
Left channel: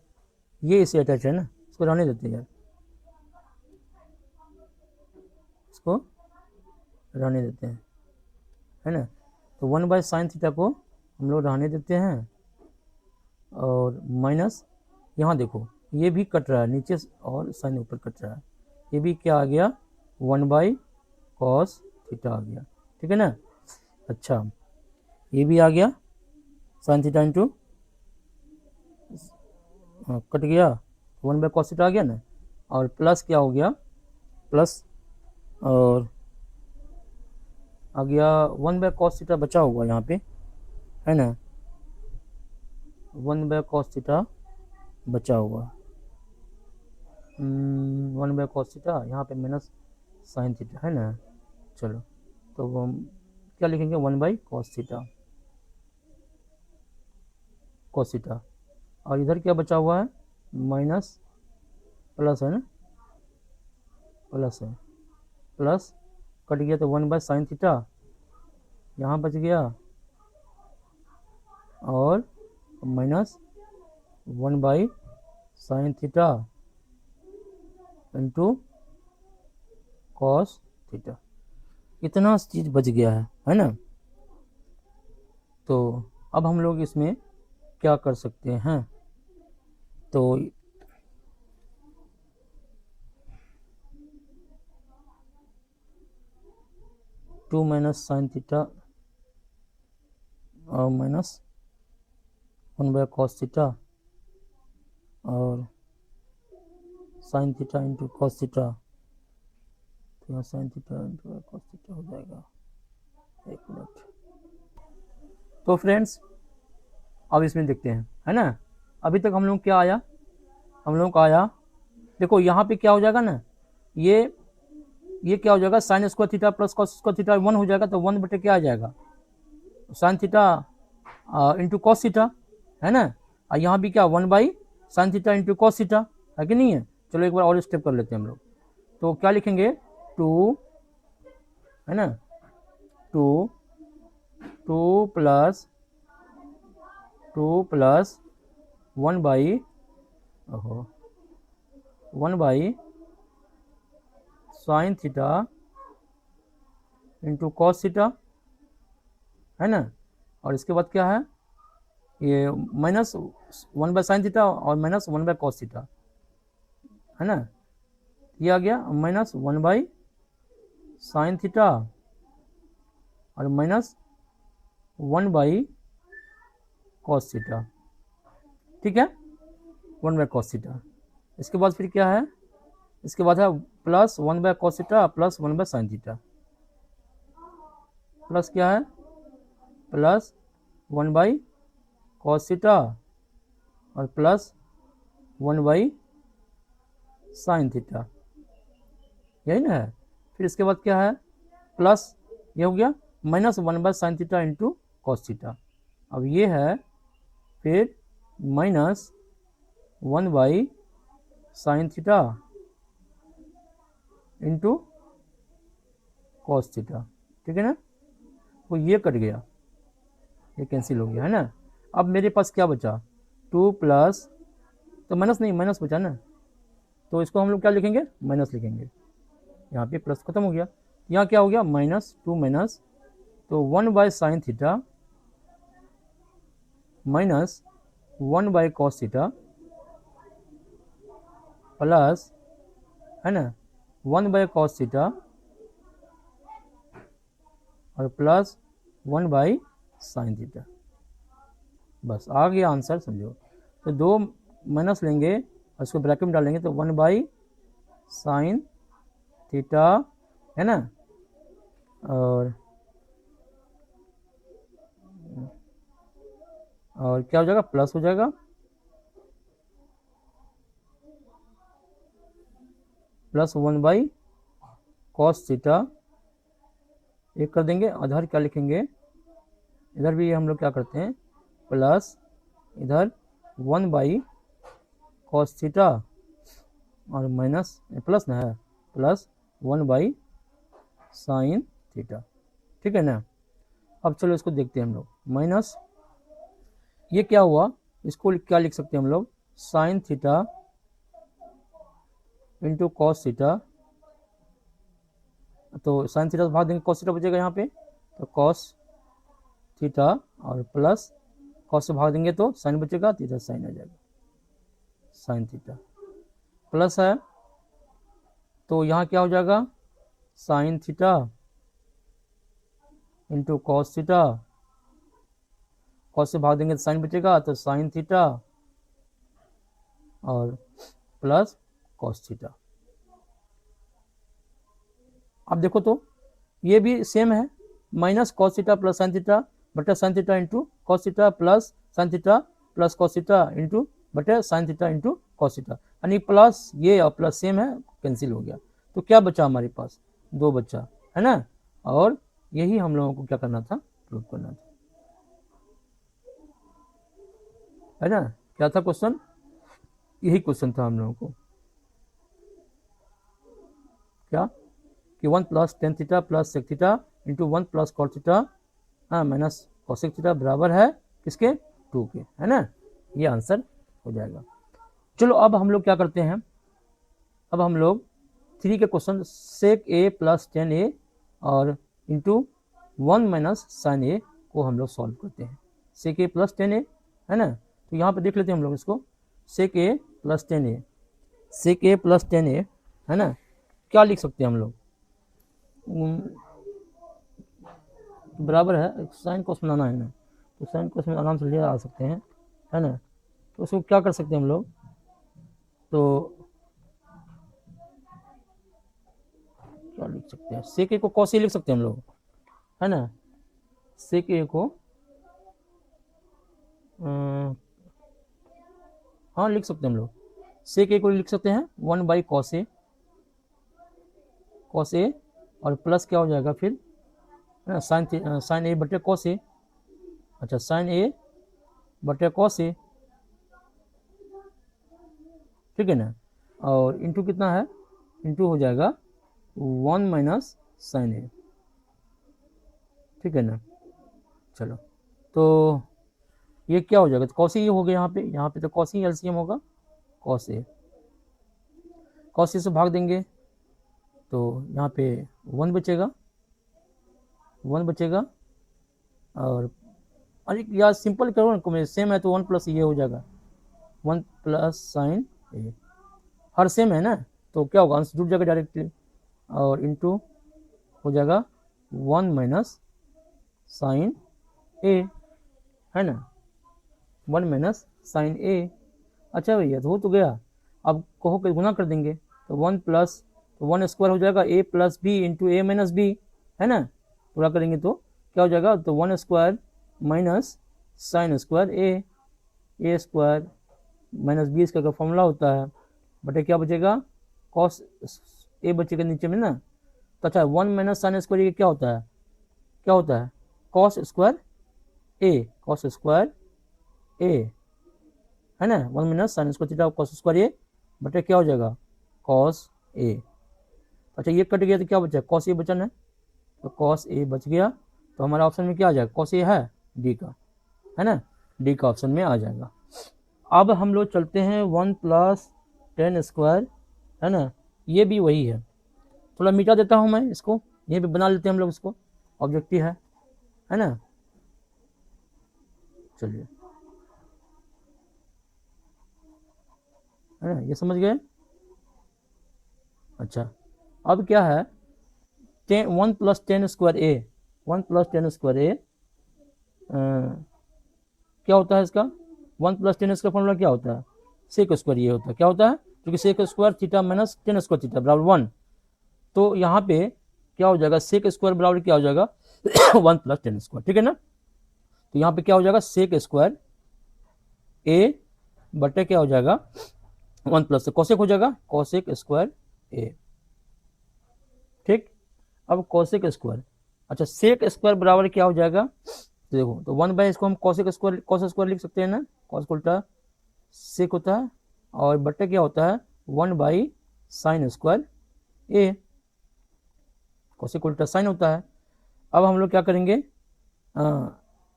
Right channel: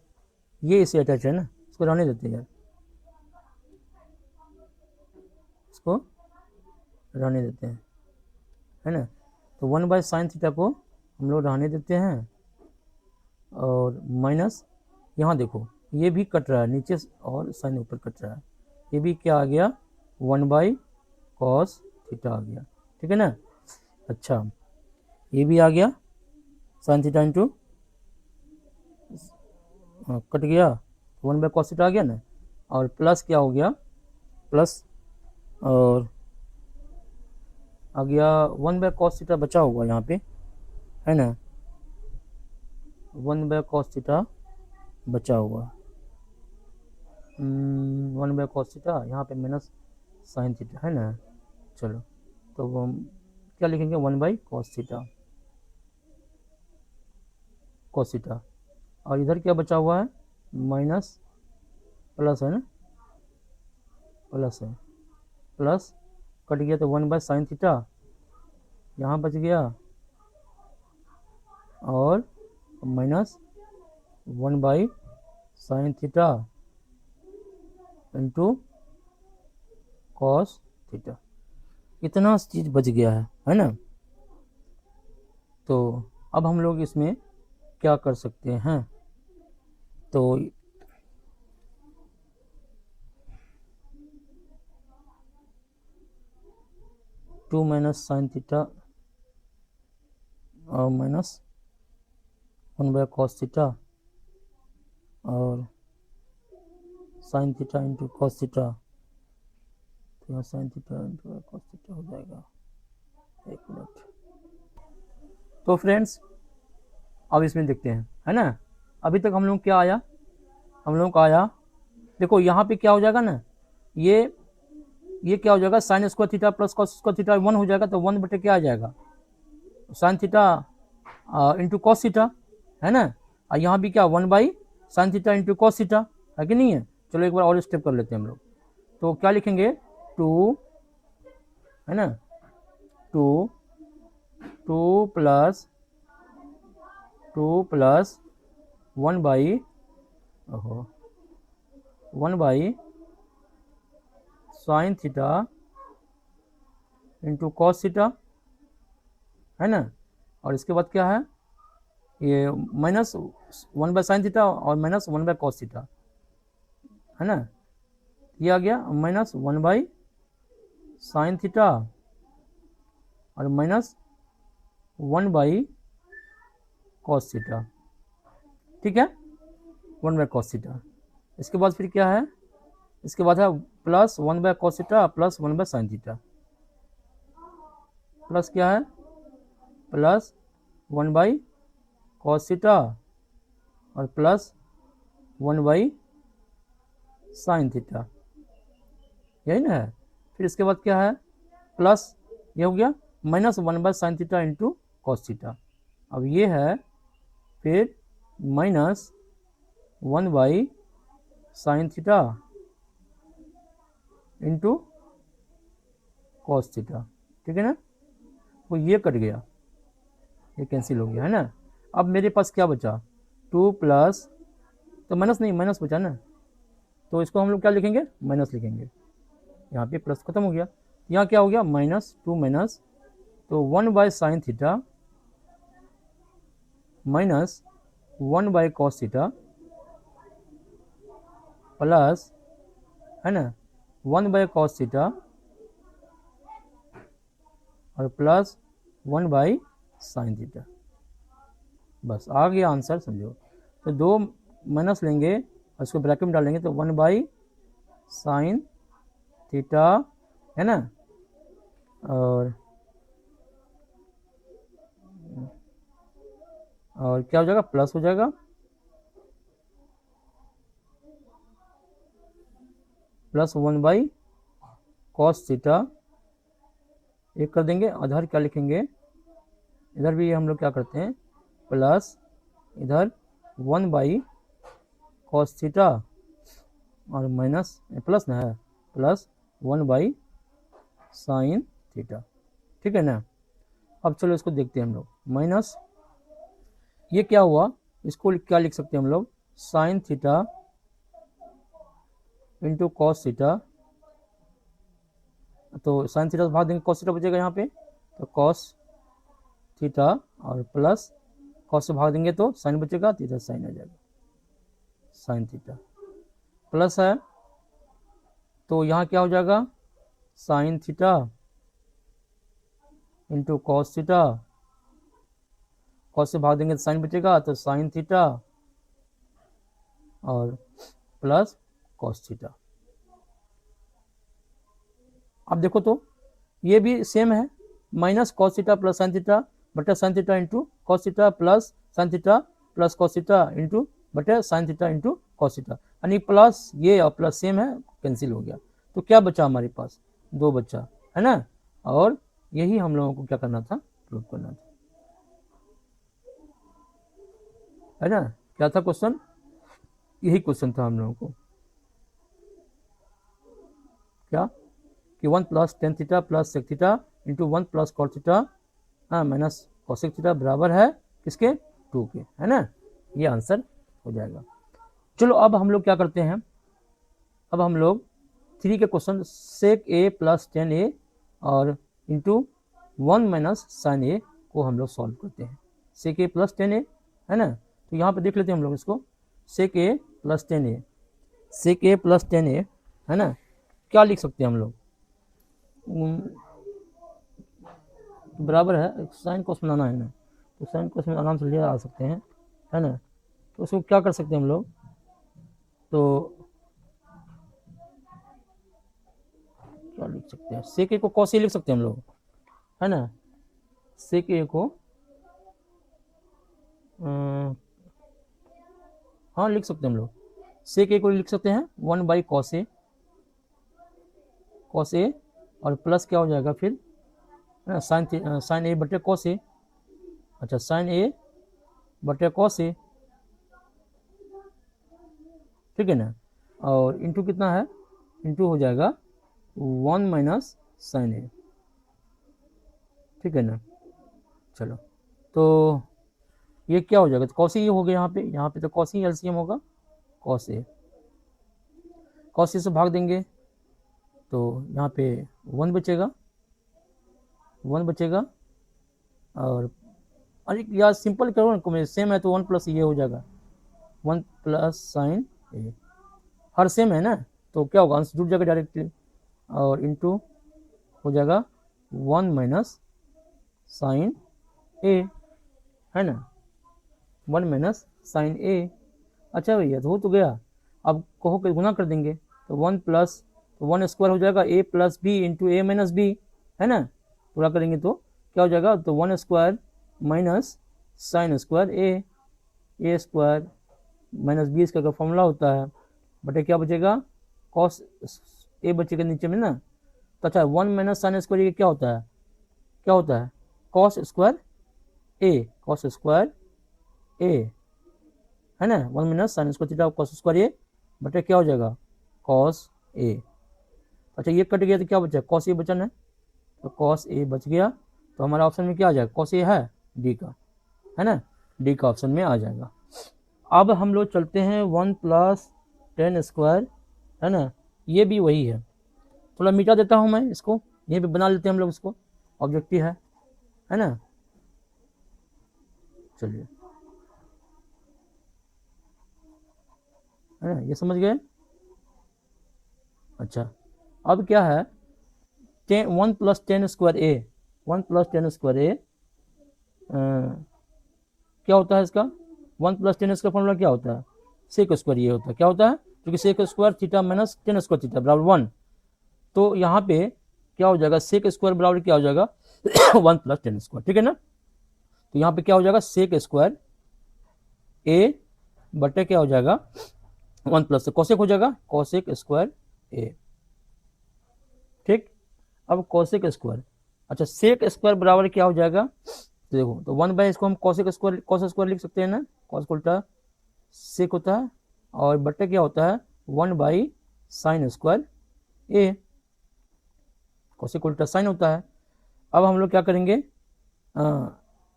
ये इसे अटैच है ना, इसको रहने देते हैं यार, इसको रहने देते हैं, है ना। तो 1 बाई साइन थीटा को हम लोग रहने देते हैं, और माइनस यहाँ देखो ये भी कट रहा है नीचे और साइन ऊपर कट रहा है, ये भी क्या आ गया, 1 बाई कॉस थीटा आ गया, ठीक है ना। अच्छा, ये भी आ गया साइन थीटा इंटू, कट गया, 1 बाई कॉस थीटा आ गया ना, और प्लस क्या हो गया, प्लस, और आ गया 1 बाई कॉस थीटा बचा हुआ यहाँ पे, है ना, 1 बाई कॉस थीटा बचा हुआ, 1 बाई कॉस थीटा, यहाँ पे माइनस साइन थीटा, है ना। चलो, तो हम क्या लिखेंगे, 1 by cos theta, cos theta, और इधर क्या बचा हुआ है, माइनस, प्लस है ना, प्लस है, प्लस कट गया तो 1 बाई साइन थीटा यहाँ बच गया, और minus 1 by sine theta into cos theta, इतना चीज बच गया है ना। तो अब हम लोग इसमें क्या कर सकते हैं, तो 2 माइनस साइन थीटा और माइनस 1 बाई कॉस थीटा और sign theta into cos theta, तो यहाँ sign theta into cos theta हो जाएगा, एक मिनट। तो फ्रेंड्स अब इसमें देखते हैं, है ना, अभी तक हम लोग क्या आया, हम लोग का आया, देखो यहाँ पे क्या हो जाएगा ना, ये क्या हो जाएगा, sign square theta plus cos square theta 1 हो जाएगा, तो 1 बटे क्या आ जाएगा, sine theta into cos theta, है ना, और यहाँ भी क्या 1 by sine theta into cos theta, है कि नहीं है। चलो एक बार और स्टेप कर लेते हैं हम लोग, तो क्या लिखेंगे, 2, है ना, 2 प्लस 2 प्लस 1 बाई, ओहो 1 by sine theta into cos theta, है ना। और इसके बाद क्या है, ये माइनस 1 बाई साइन थीटा और माइनस 1 बाई कॉस थीटा, है ना। ये आ गया माइनस 1 बाई साइन थीटा और माइनस 1 बाई कॉस थीटा, ठीक है, 1 बाई कॉस थीटा। इसके बाद फिर क्या है, इसके बाद है plus 1 by cos theta plus 1 by sine theta, plus क्या है, प्लस 1 बाई कॉस थीटा और प्लस 1 बाई साइन थीटा, यही ना है। फिर इसके बाद क्या है, प्लस ये हो गया minus 1 by sine theta into cos theta. अब ये है फिर minus 1 by sine theta into cos theta, ठीक है ना। वो ये कट गया, ये कैंसिल हो गया, है ना। अब मेरे पास क्या बचा, 2 प्लस, तो माइनस नहीं, माइनस बचा ना, तो इसको हम लोग क्या लिखेंगे, माइनस लिखेंगे। यहाँ पे प्लस खत्म हो गया, यहाँ क्या हो गया, माइनस 2 माइनस, तो 1 by sine theta minus 1 by cos theta plus, है ना, 1 बाई कॉस थीटा और प्लस 1 बाई साइन थीटा। बस आ गया आंसर, समझो। तो दो माइनस लेंगे और उसको ब्रैकेट में डालेंगे, तो 1 बाई साइन थीटा, है ना, और क्या हो जाएगा, प्लस हो जाएगा, प्लस 1 बाई कॉस थीटा, एक कर देंगे, आधार क्या लिखेंगे, इधर भी हम लोग क्या करते हैं, प्लस इधर 1 बाई कॉस थीटा और माइनस प्लस ना है, प्लस 1 बाई साइन थीटा, ठीक है ना। अब चलो इसको देखते हैं हम लोग, माइनस ये क्या हुआ, इसको क्या लिख सकते हैं हम लोग, sign theta into cos theta, तो साइन थीटा से भाग देंगे, कॉस थीटा बचेगा यहाँ पे, तो कॉस थीटा और प्लस कॉस से भाग देंगे तो साइन बचेगा, थीटा साइन आ जाएगा, साइन थीटा प्लस है, तो यहाँ क्या हो जाएगा, sine theta into cos theta, cos से भाग देंगे तो साइन बचेगा, तो साइन थीटा और प्लस कॉस थीटा। अब देखो तो ये भी सेम है, minus cos theta plus sine theta बटा sine theta into cos theta plus sine theta plus cos theta into बटे sine theta into cos theta, यानी प्लस ये और प्लस सेम है, कैंसिल हो गया। तो क्या बचा हमारे पास, 2 बचा, है ना। और यही हम लोगों को क्या करना था, प्रूव करना था, है ना। क्या था क्वेश्चन, यही क्वेश्चन था हम लोगों को, क्या कि 1 plus tan theta plus sec theta into 1 plus cos theta minus cosec theta बराबर है इसके 2 के, है ना। ये आंसर हो जाएगा। चलो अब हम लोग क्या करते हैं, अब हम लोग 3 का क्वेश्चन सेक ए प्लस 10a और इंटू 1 माइनस साइन ए को हम लोग सॉल्व करते हैं। सेक ए प्लस 10a, है ना, तो यहाँ पे देख लेते हैं हम लोग इसको, सेक ए प्लस 10a, सेक ए प्लस 10a, है ना। क्या लिख सकते हैं हम लोग, बराबर है, साइन कोस बनाना है ना, तो साइन कोस में आराम से ले आ सकते हैं, है ना। तो उसको क्या कर सकते हैं हम लोग, तो क्या लिख सकते हैं, सेक ए को कोस लिख सकते हैं हम लोग, है ना। सेक ए को हाँ लिख सकते हैं हम लोग, सेक ए को लिख सकते हैं 1 by cos A, cos A और प्लस क्या हो जाएगा फिर साइन ए बटे कॉस ए, अच्छा साइन ए बटे कॉस ए, ठीक है ना। और इंटू कितना है, इंटू हो जाएगा 1 माइनस साइन ए, ठीक है ना। चलो तो ये क्या हो जाएगा, तो कॉस ए हो गया, यहाँ पे तो कॉस ए एलसीएम होगा, कॉस ए कॉस ए से भाग देंगे तो यहाँ पे 1 बचेगा, 1 बचेगा। और अरे यार सिंपल करो ना, सेम है तो 1 प्लस ये हो जाएगा, 1 प्लस साइन ए, हर सेम है ना, तो क्या होगा, आंसर जुड़ जाएगा डायरेक्टली। और इंटू हो जाएगा 1 माइनस साइन ए, है ना, 1 माइनस साइन ए। अच्छा भैया तो हो तो गया, अब कहो कि गुना कर देंगे तो 1 प्लस 1 स्क्वायर हो जाएगा ए प्लस बी इंटू ए माइनस बी, है ना, पूरा करेंगे तो क्या हो जाएगा, तो 1 स्क्वायर माइनस साइन स्क्वायर ए स्क्वायर माइनस बी इसका फॉर्मूला होता है, बटे क्या बचेगा, कॉस ए बचेगा नीचे में ना। तो अच्छा 1 माइनस साइन स्क्वायर ये क्या होता है, क्या होता है, cos square A, cos square A, है ना, 1 minus sine square theta cos square A बटे क्या हो जाएगा, कॉस ए। अच्छा ये कट गया तो क्या बचा, कॉस ए बचा ना, तो कॉस ए बच गया, तो हमारा ऑप्शन में क्या आ जाएगा, कॉस ए है डी का, है ना, डी का ऑप्शन में आ जाएगा। अब हम लोग चलते हैं 1 प्लस 10 स्क्वायर, है ना, ये भी वही है, थोड़ा मिटा देता हूँ मैं इसको, ये भी बना लेते हैं हम लोग इसको, ऑब्जेक्टिव है ना, चलिए, है ना, ये समझ गए। अच्छा अब क्या है, 1 प्लस 10 स्क्वायर ए, 1 प्लस 10 स्क्वायर ए क्या होता है इसका, 1 प्लस 10 स्क्वायर फॉर्मूला क्या होता है, सेक स्क्वायर ये होता है, क्या होता है, क्योंकि sec square theta minus 10 square theta बराबर 1, तो यहाँ पे क्या हो जाएगा, सेक स्क्वायर बराबर क्या हो जाएगा 1 प्लस 10 स्क्वायर, ठीक है ना, तो यहाँ पे क्या हो जाएगा, सेक स्क्वायर ए बटे क्या हो जाएगा 1 प्लस कोसेक हो जाएगा, कोसेक स्क्वायर ए, ठीक। अब कोसेक स्क्वायर, अच्छा सेक स्क्वायर बराबर क्या हो जाएगा, देखो तो 1 बाय इसको हम कोसेक स्क्वायर कोस स्क्वायर लिख सकते हैं ना, कोस उल्टा सेक होता है, और बटा क्या होता है 1 by sine square A, cosec उल्टा साइन होता है। अब हम लोग क्या करेंगे,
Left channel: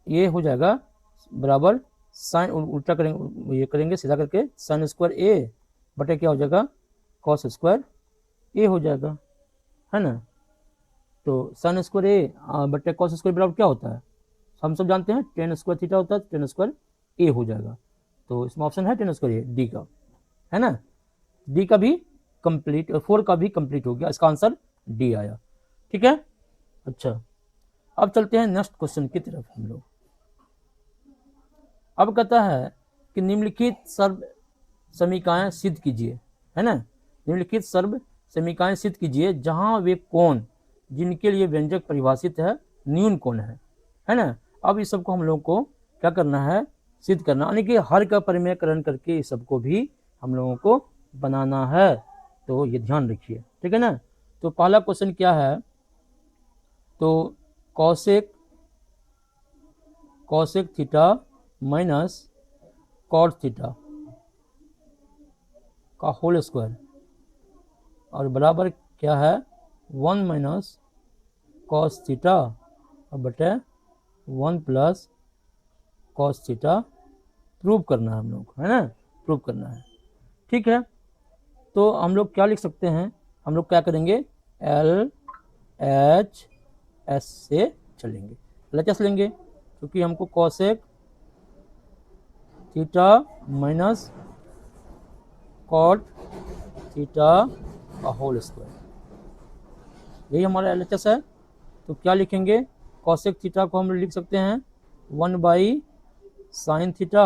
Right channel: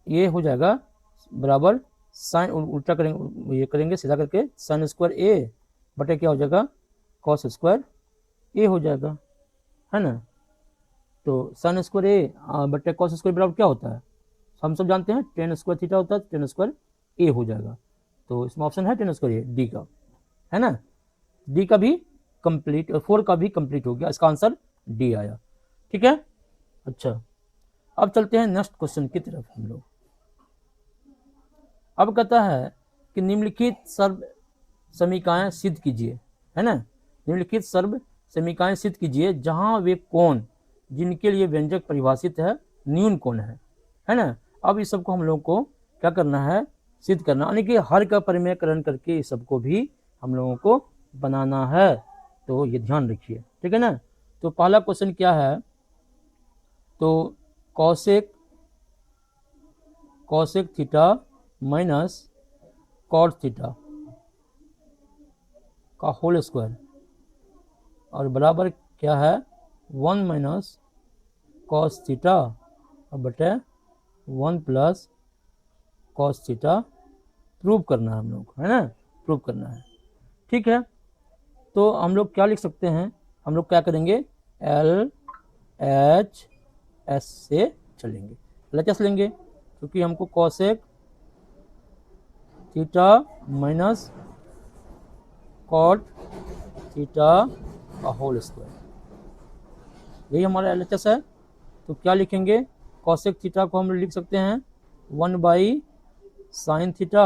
ये हो जाएगा बराबर साइन उल्टा करेंगे, ये करेंगे सीधा करके साइन स्क्वायर ए बटे क्या हो जाएगा कॉस स्क्वायर ए हो जाएगा, है ना, तो साइन स्क्वायर ए बटे कॉस स्क्वायर बराबर क्या होता है, हम सब जानते हैं 10 स्क्वायर थीटा होता है, 10 स्क्वायर ए हो जाएगा, तो इसमें ऑप्शन है 10 स्क्वायर ए डी का, है ना, डी का भी कंप्लीट, 4 का भी कंप्लीट हो गया, इसका आंसर डी आया, ठीक है। अच्छा अब चलते हैं नेक्स्ट क्वेश्चन की तरफ हम लोग। अब कहता है कि निम्नलिखित सर्व समीकरण सिद्ध कीजिए, है ना, निम्नलिखित सर्व समीकरण सिद्ध कीजिए जहां वे कोण जिनके लिए व्यंजक परिभाषित है नील कोण है ना। अब इस सबको हम लोग को क्या करना है, सिद्ध करना, यानी कि हर का परिमेयकरण करके इस सबको भी हम लोगों को बनाना है, तो ये ध्यान रखिए, ठीक है ना। तो पहला क्वेश्चन क्या है, तो cosec theta minus cot theta का होल स्क्वायर और बराबर क्या है 1 माइनस कॉस थीटा और बटे 1 प्लस कॉस थीटा प्रूव करना है हम लोग, है ना, प्रूव करना है, ठीक है। तो हम लोग क्या लिख सकते हैं, हम लोग क्या करेंगे एल एच एस से चलेंगे, एल एच एस लेंगे क्योंकि हमको cosec theta minus cot theta का होल स्क्वायर, यही हमारा एल एच एस है। तो क्या लिखेंगे, कॉसेक थीटा को हम लिख सकते हैं 1 बाई साइन थीटा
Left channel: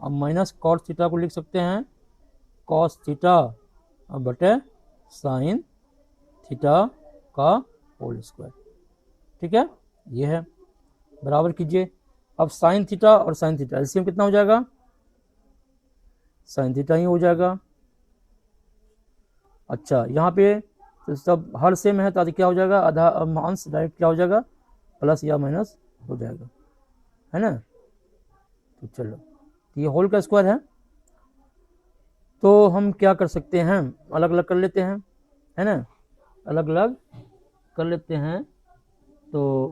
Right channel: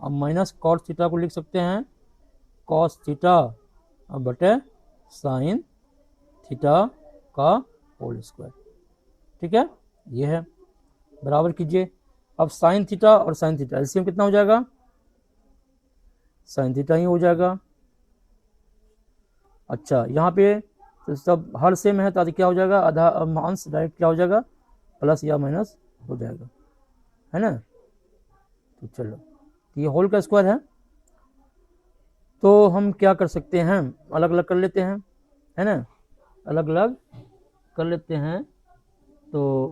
और माइनस कॉस थीटा को लिख सकते हैं कॉस थीटा और बटे साइन थीटा का होल स्क्वायर, ठीक है, ये है, बराबर कीजिए। अब साइन थीटा और साइन थीटा एलसीएम कितना हो जाएगा, साइन थीटा ही हो जाएगा। अच्छा यहाँ पे तो सब हर सेम है, तो क्या हो जाएगा, आधा अंश डायरेक्ट क्या हो जाएगा प्लस या माइनस हो जाएगा, है ना। तो चलो ये होल का स्क्वायर है, तो हम क्या कर सकते हैं, अलग अलग कर लेते हैं, है ना, अलग अलग कर लेते हैं। तो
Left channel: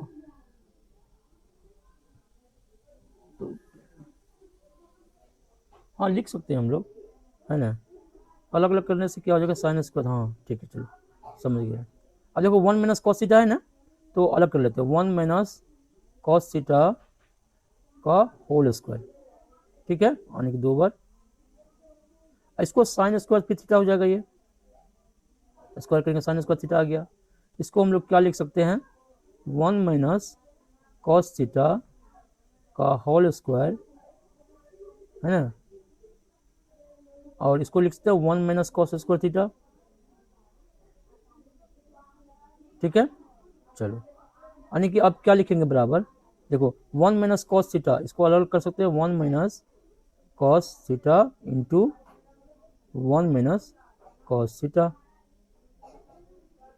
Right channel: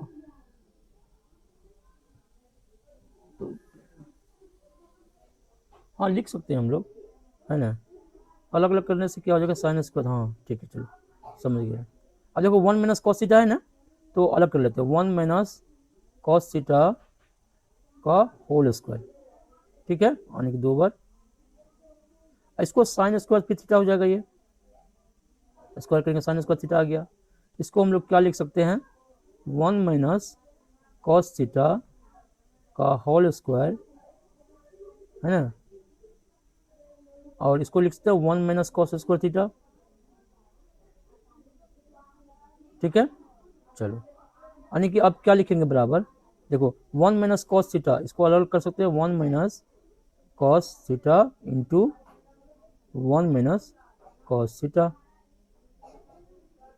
हाँ लिख सकते हैं हम लोग, है ना, अलग अलग करने से क्या हो जाएगा, साइन स्क्वायर। हाँ ठीक है, चलो समझ गया। अब देखो 1 माइनस कॉस थीटा है ना, तो अलग कर लेते हैं, 1 माइनस कॉस थीटा का होल स्क्वायर, ठीक है, यानी कि 2 बार। इसको साइन स्क्वायर की थीटा हो जाएगा, ये स्क्वायर करेंगे साइन स्क्वायर थीटा आ गया। इसको हम लोग क्या लिख सकते हैं, 1 माइनस कॉस थीटा का होल स्क्वायर, है ना, और इसको लिख सकते हैं 1 माइनस कॉस स्क्वायर थीटा, ठीक है। चलो यानी कि अब क्या लिखेंगे बराबर, देखो 1 माइनस कॉस थीटा, इसको अलग कर सकते हैं, 1 minus cos theta into 1 minus cos theta,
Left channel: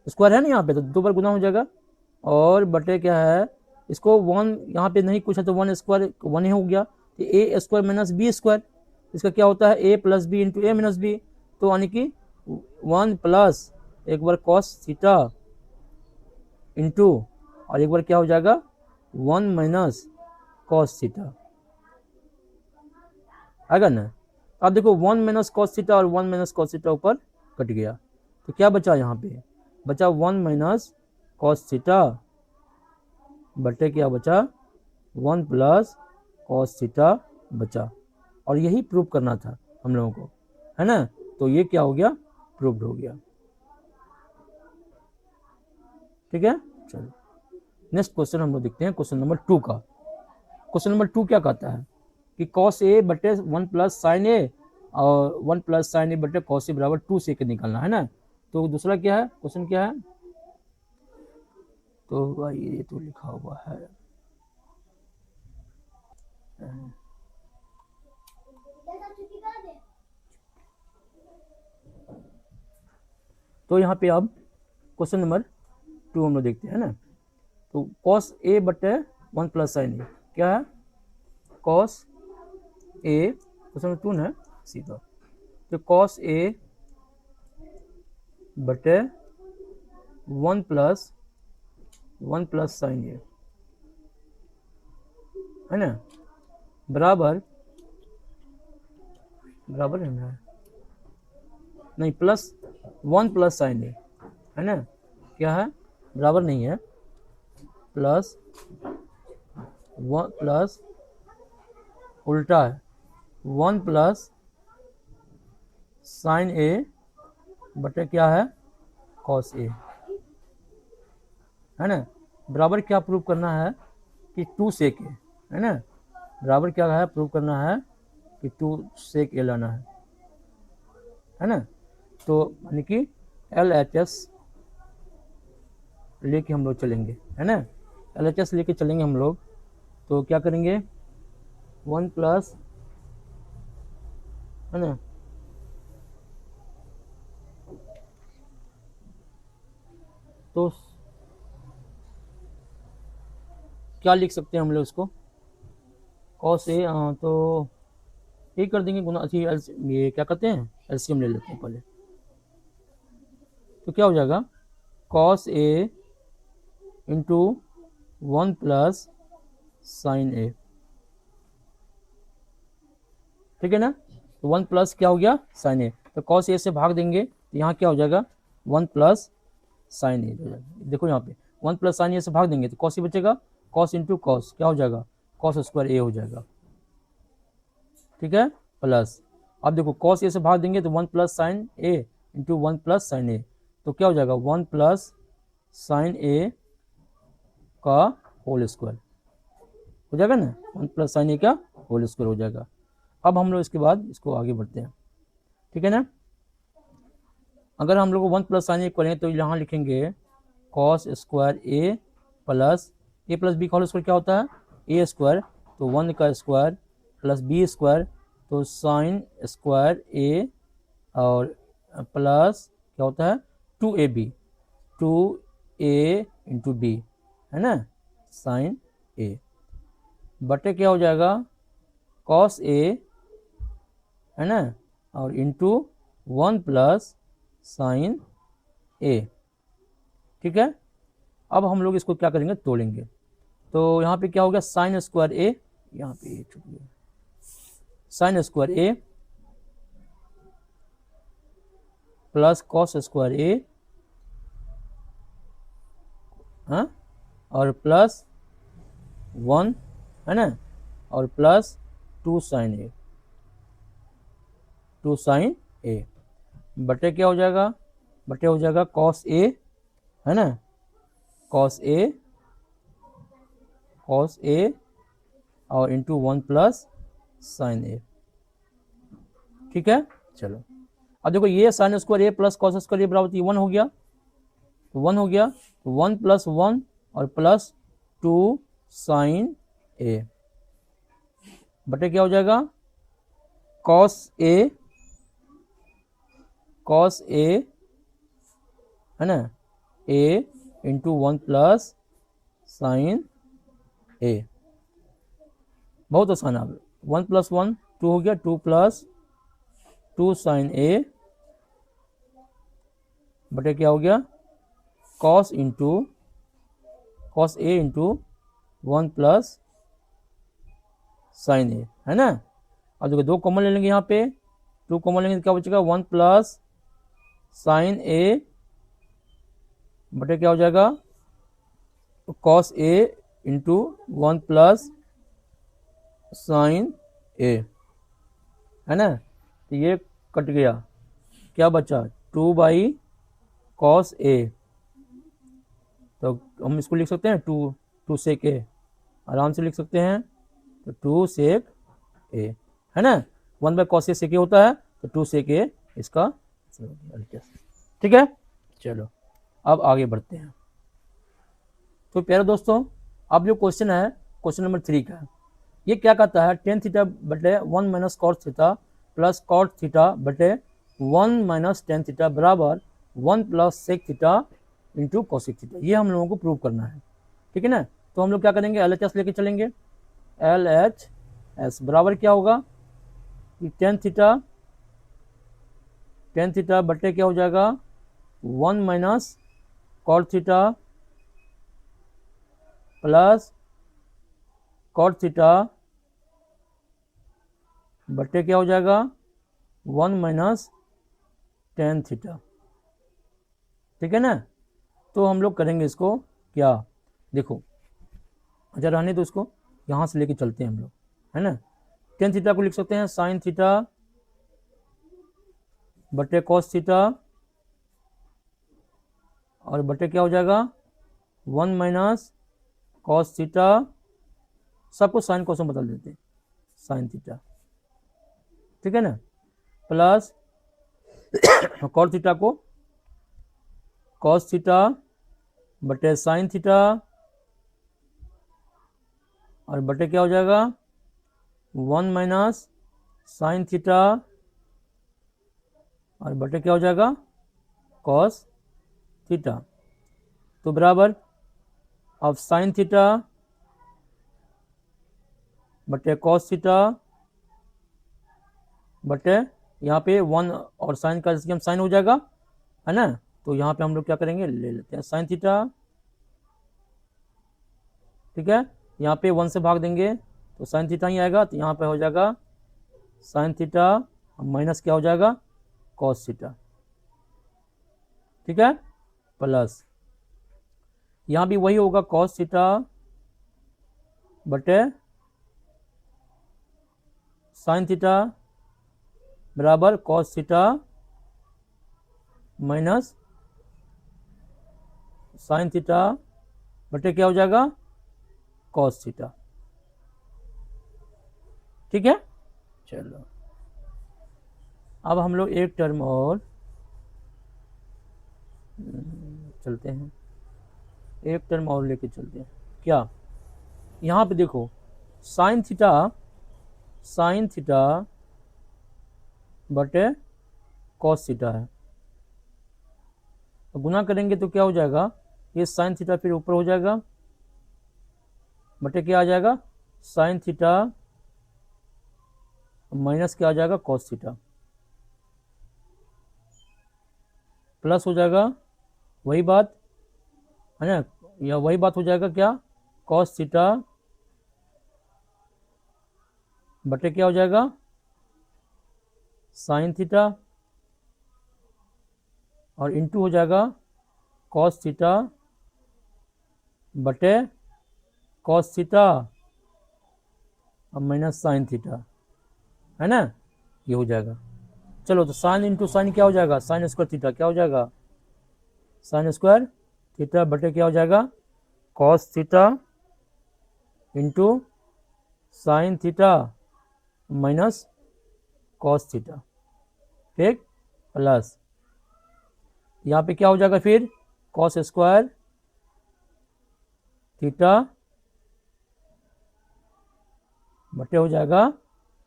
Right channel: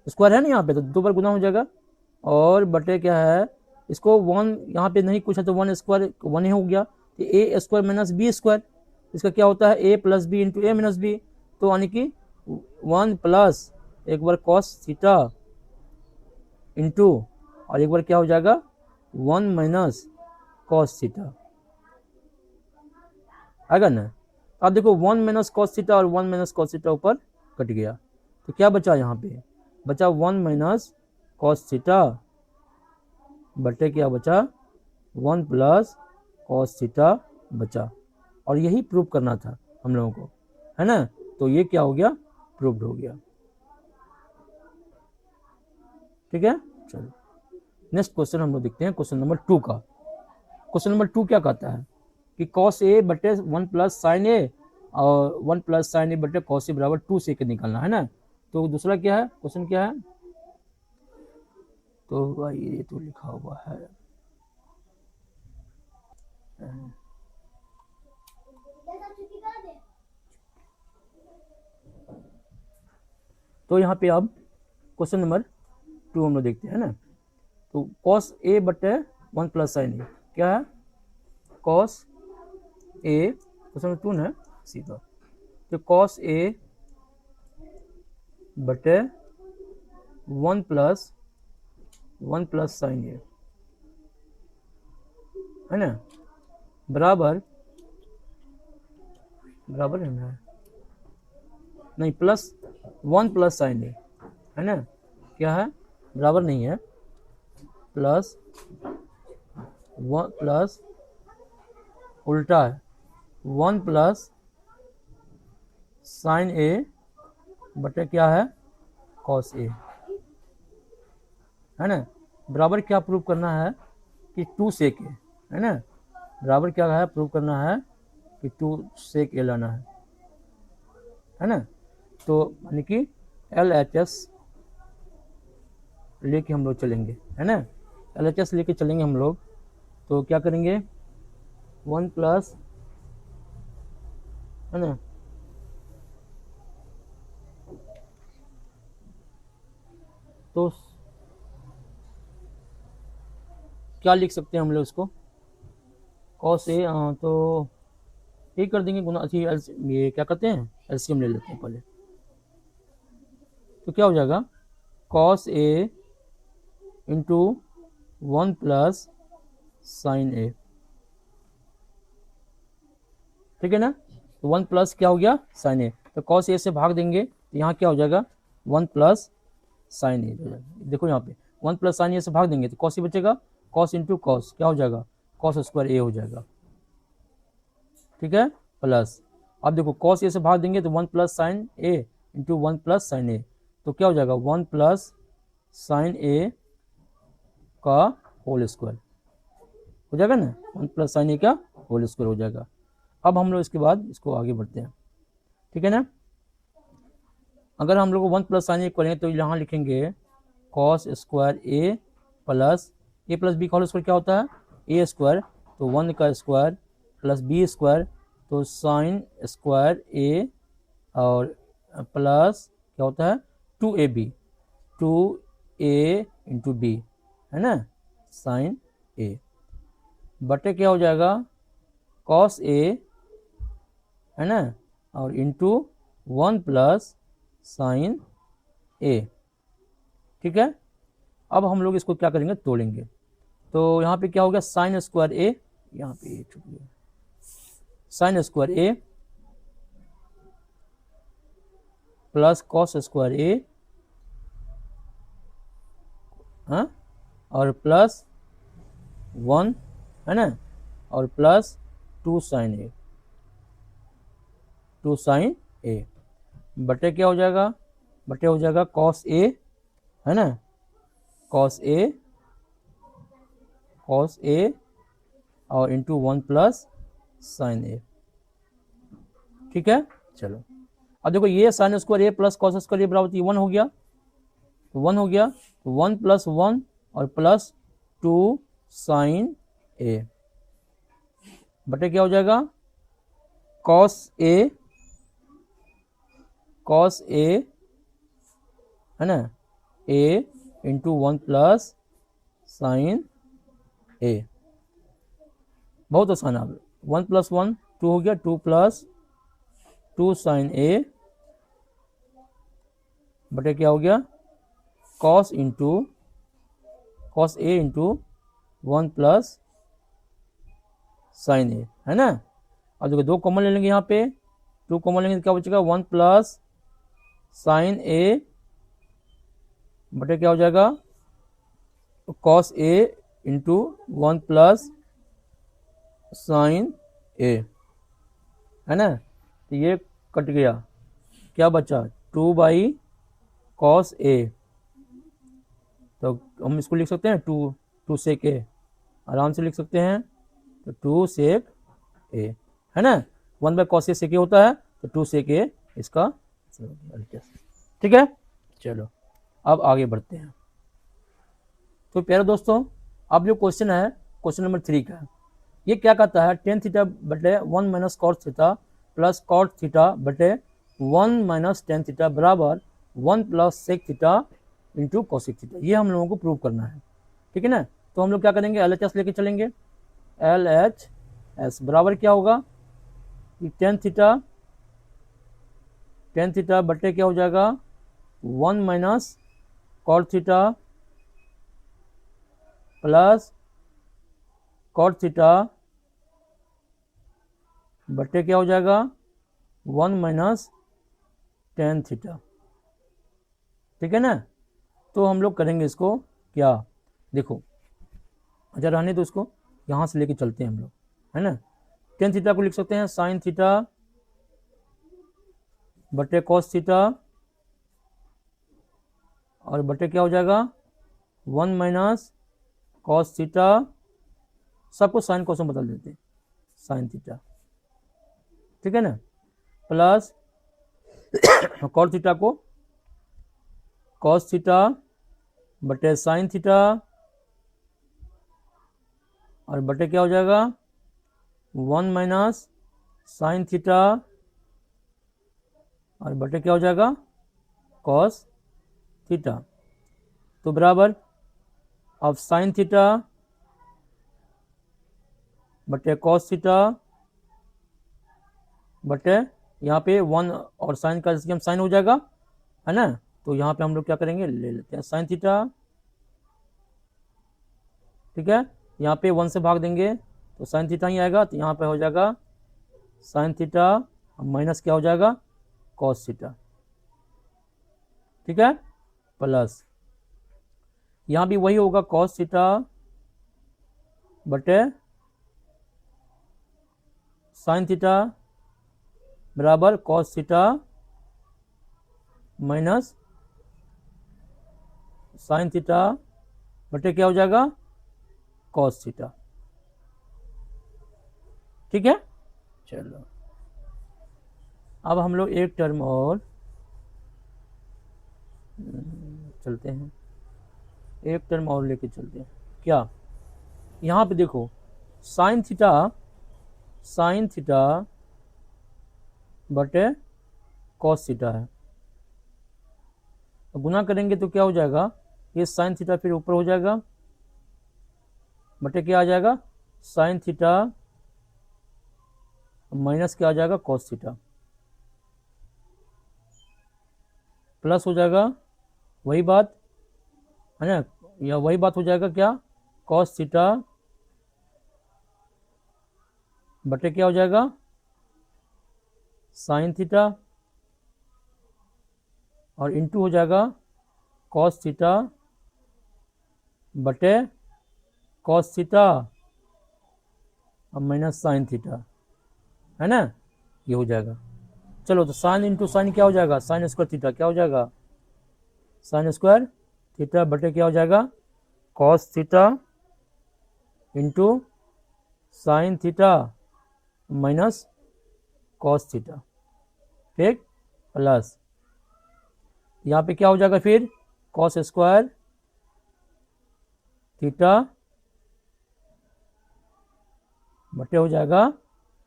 square है ना यहाँ पे, तो 2 बार गुना हो जाएगा, और बटे क्या है, इसको 1 यहाँ पे नहीं कुछ है तो 1 स्क्वायर 1 ही हो गया, तो ए स्क्वायर माइनस बी स्क्वायर, इसका क्या होता है, ए प्लस बी इंटू ए माइनस बी, तो यानी कि 1 प्लस एक बार कॉस थीटा इंटू, और एक बार क्या हो जाएगा 1 माइनस कॉस थीटा, आएगा ना। अब देखो 1 माइनस कॉस थीटा और 1 माइनस कॉस थीटा ऊपर कट गया, तो क्या बचा यहाँ पे, बचा 1 माइनस कॉस थीटा बटे क्या बचा 1 प्लस कॉस थीटा बचा, और यही प्रूव करना था हम लोगों को, है ना, तो ये क्या हो गया, प्रूव हो गया, ठीक है। चलो नेक्स्ट क्वेश्चन हम लोग देखते हैं, क्वेश्चन नंबर 2 का। क्वेश्चन नंबर 2 क्या कहता है कि कॉस ए बटे 1 प्लस साइन ए और 1 प्लस साइन ए बटे कॉस ए बराबर 2 सेक निकालना है ना। तो दूसरा क्या है, क्वेश्चन क्या है, तो ये तो लिखा हुआ है, तो यहाँ पे अब क्वेश्चन नंबर 2 हम लोग देखते हैं ना। तो कॉस ए बटे 1 प्लस साइन ए, क्या है कॉस ए, क्वेश्चन 2 ना सीधा, तो कॉस ए बटे 1 प्लस साइन ए, है ना, बराबर नहीं प्लस 1 प्लस साइन ए, है ना, क्या है बराबर नहीं है, प्लस 1 प्लस उल्टा है 1 प्लस साइन ए बटे क्या है कॉस ए, है ना, बराबर क्या प्रूव करना है कि 2 सेक ए, है ना, बराबर क्या है प्रूव करना है कि 2 सेक ए लाना है ना, तो यानी कि एल एच एस लेके हम लोग चलेंगे, है ना, एल एच एस लेके चलेंगे हम लोग, तो क्या करेंगे 1 प्लस, है ना, तो क्या लिख सकते हैं हम लोग इसको, कॉस ए, हाँ तो ये कर देंगे गुना, ये क्या कहते हैं एलसीएम ले लेते हैं पहले, तो क्या हो जाएगा cos A into 1 plus sign ए, ठीक है ना, 1 प्लस क्या हो गया साइन ए, तो कॉस ए से भाग देंगे तो यहाँ क्या हो जाएगा 1 प्लस साइन ए, देखो यहाँ पे 1 प्लस साइन ए से भाग देंगे तो कॉस ए बचेगा, कॉस इंटू कॉस क्या हो जाएगा कॉस स्क्वायर ए हो जाएगा, ठीक है, प्लस, अब देखो कॉस ए से भाग देंगे तो 1 प्लस साइन ए इंटू 1 प्लस साइन ए, तो क्या हो जाएगा 1 प्लस साइन ए का होल स्क्वायर हो जाएगा ना, 1 प्लस साइन ए का होल स्क्वायर हो जाएगा। अब हम लोग इसके बाद इसको आगे बढ़ते हैं, ठीक है ना, अगर हम लोग 1 प्लस साइन ए करेंगे तो यहाँ लिखेंगे कॉस स्क्वायर ए प्लस बी का होल स्क्वायर क्या होता है ए स्क्वायर, तो 1 का स्क्वायर प्लस बी स्क्वायर, तो साइन स्क्वायर ए और प्लस क्या होता है 2ab 2a इंटू बी, है ना, साइन ए बटे क्या हो जाएगा कॉस ए, है ना, और इंटू 1 प्लस साइन ए, ठीक है। अब हम लोग इसको क्या करेंगे तोड़ेंगे, तो यहाँ पे क्या हो गया साइन स्क्वायर ए, यहाँ पे sine square A plus cos square A है और प्लस 1 है ना, और प्लस 2 साइन ए, 2 साइन ए बटे क्या हो जाएगा, बटे हो जाएगा कॉस ए है ना, कॉस ए और इंटू 1 प्लस साइन ए। ठीक है, चलो अब देखो ये साइन स्क्वायर ए प्लस कॉस स्क्वायर ए बराबर 1 हो गया, तो 1 हो गया, तो 1 प्लस 1 और प्लस 2 साइन ए बटे क्या हो जाएगा कॉस ए है ना, ए इंटू 1 प्लस साइन ए। बहुत आसान है, 1 प्लस 1 2 हो गया, 2 प्लस 2 साइन ए बटे क्या हो गया cos A into 1 plus sign ए है ना। अब देखिए 2 कॉमन ले लेंगे, यहाँ पे 2 कॉमन लेंगे तो क्या बचेगा 1 प्लस साइन ए बटे क्या हो जाएगा cos A into 1 plus sign ए है ना, तो ये कट गया, क्या बचा 2 बाई कॉस ए, तो हम इसको लिख सकते हैं 2 सेक ए, आराम से लिख सकते हैं, तो 2 सेक ए है ना, 1 बाई कॉस ए सेक ए होता है, तो 2 सेक ए इसका, ठीक है। चलो अब आगे बढ़ते हैं। तो प्यारे दोस्तों अब जो क्वेश्चन है क्वेश्चन नंबर 3 का, ये क्या कहता है टेन थीटा बटे 1 minus cos theta plus cot theta बटे 1 माइनस टेन थीटा बराबर 1 plus sec theta into cosec theta, ये हम लोगों को प्रूव करना है। ठीक है ना, तो हम लोग क्या करेंगे LHS लेके चलेंगे, LHS बराबर क्या होगा कि टेन थीटा बटे क्या हो जाएगा 1 minus cot theta plus cot theta बटे क्या हो जाएगा 1 माइनस टेन थीटा। ठीक है ना, तो हम लोग करेंगे इसको क्या, देखो अच्छा रहने दो, उसको यहाँ से लेके चलते हैं हम लोग, है ना। टेन थीटा को लिख सकते हैं साइन थीटा बटे कॉस थीटा और बटे क्या हो जाएगा 1 माइनस कॉस थीटा, सब कुछ साइन कोस में बदल देते हैं, साइन थीटा, ठीक है ना, प्लस कॉस थीटा को कॉस थीटा बटे साइन थीटा और बटे क्या हो जाएगा 1 माइनस साइन थीटा और बटे क्या हो जाएगा कॉस थीटा, तो बराबर अब साइन थीटा बटे कॉस थीटा बटे यहाँ पे 1 और साइन का साइन हो जाएगा है ना, तो यहाँ पे हम लोग क्या करेंगे ले लेते हैं साइन थीटा, ठीक है, यहाँ पे 1 से भाग देंगे तो साइन थीटा ही आएगा, तो यहाँ पे हो जाएगा साइन थीटा माइनस क्या हो जाएगा कॉस थीटा, ठीक है, प्लस यहाँ भी वही होगा कॉस थीटा बटे साइन थीटा बराबर cos theta minus sine theta बटे क्या हो जाएगा कॉस थीटा, ठीक है। चलो अब हम लोग एक टर्म और चलते हैं, एक टर्म और लेके चलते हैं, क्या यहाँ पे देखो साइन थीटा बटे कॉस थीटा है, तो गुना करेंगे तो क्या हो जाएगा ये साइन थीटा फिर ऊपर हो जाएगा बटे क्या आ जाएगा साइन थीटा माइनस क्या आ जाएगा कॉस थीटा, प्लस हो जाएगा वही बात है ना, या वही बात हो जाएगा क्या कॉस थीटा बटे क्या हो जाएगा साइन थीटा और इंटू हो जाएगा कॉस थीटा बटे कॉस थीटा और माइनस साइन थीटा, है ना, ये हो जाएगा। चलो तो साइन इंटू साइन क्या हो जाएगा, साइन स्क्वायर थीटा क्या हो जाएगा, साइन स्क्वायर थीटा बटे क्या हो जाएगा, cos theta into sine theta minus cos theta, ठीक, प्लस यहाँ पे क्या हो जाएगा फिर, कॉस स्क्वायर थीटा बटे हो जाएगा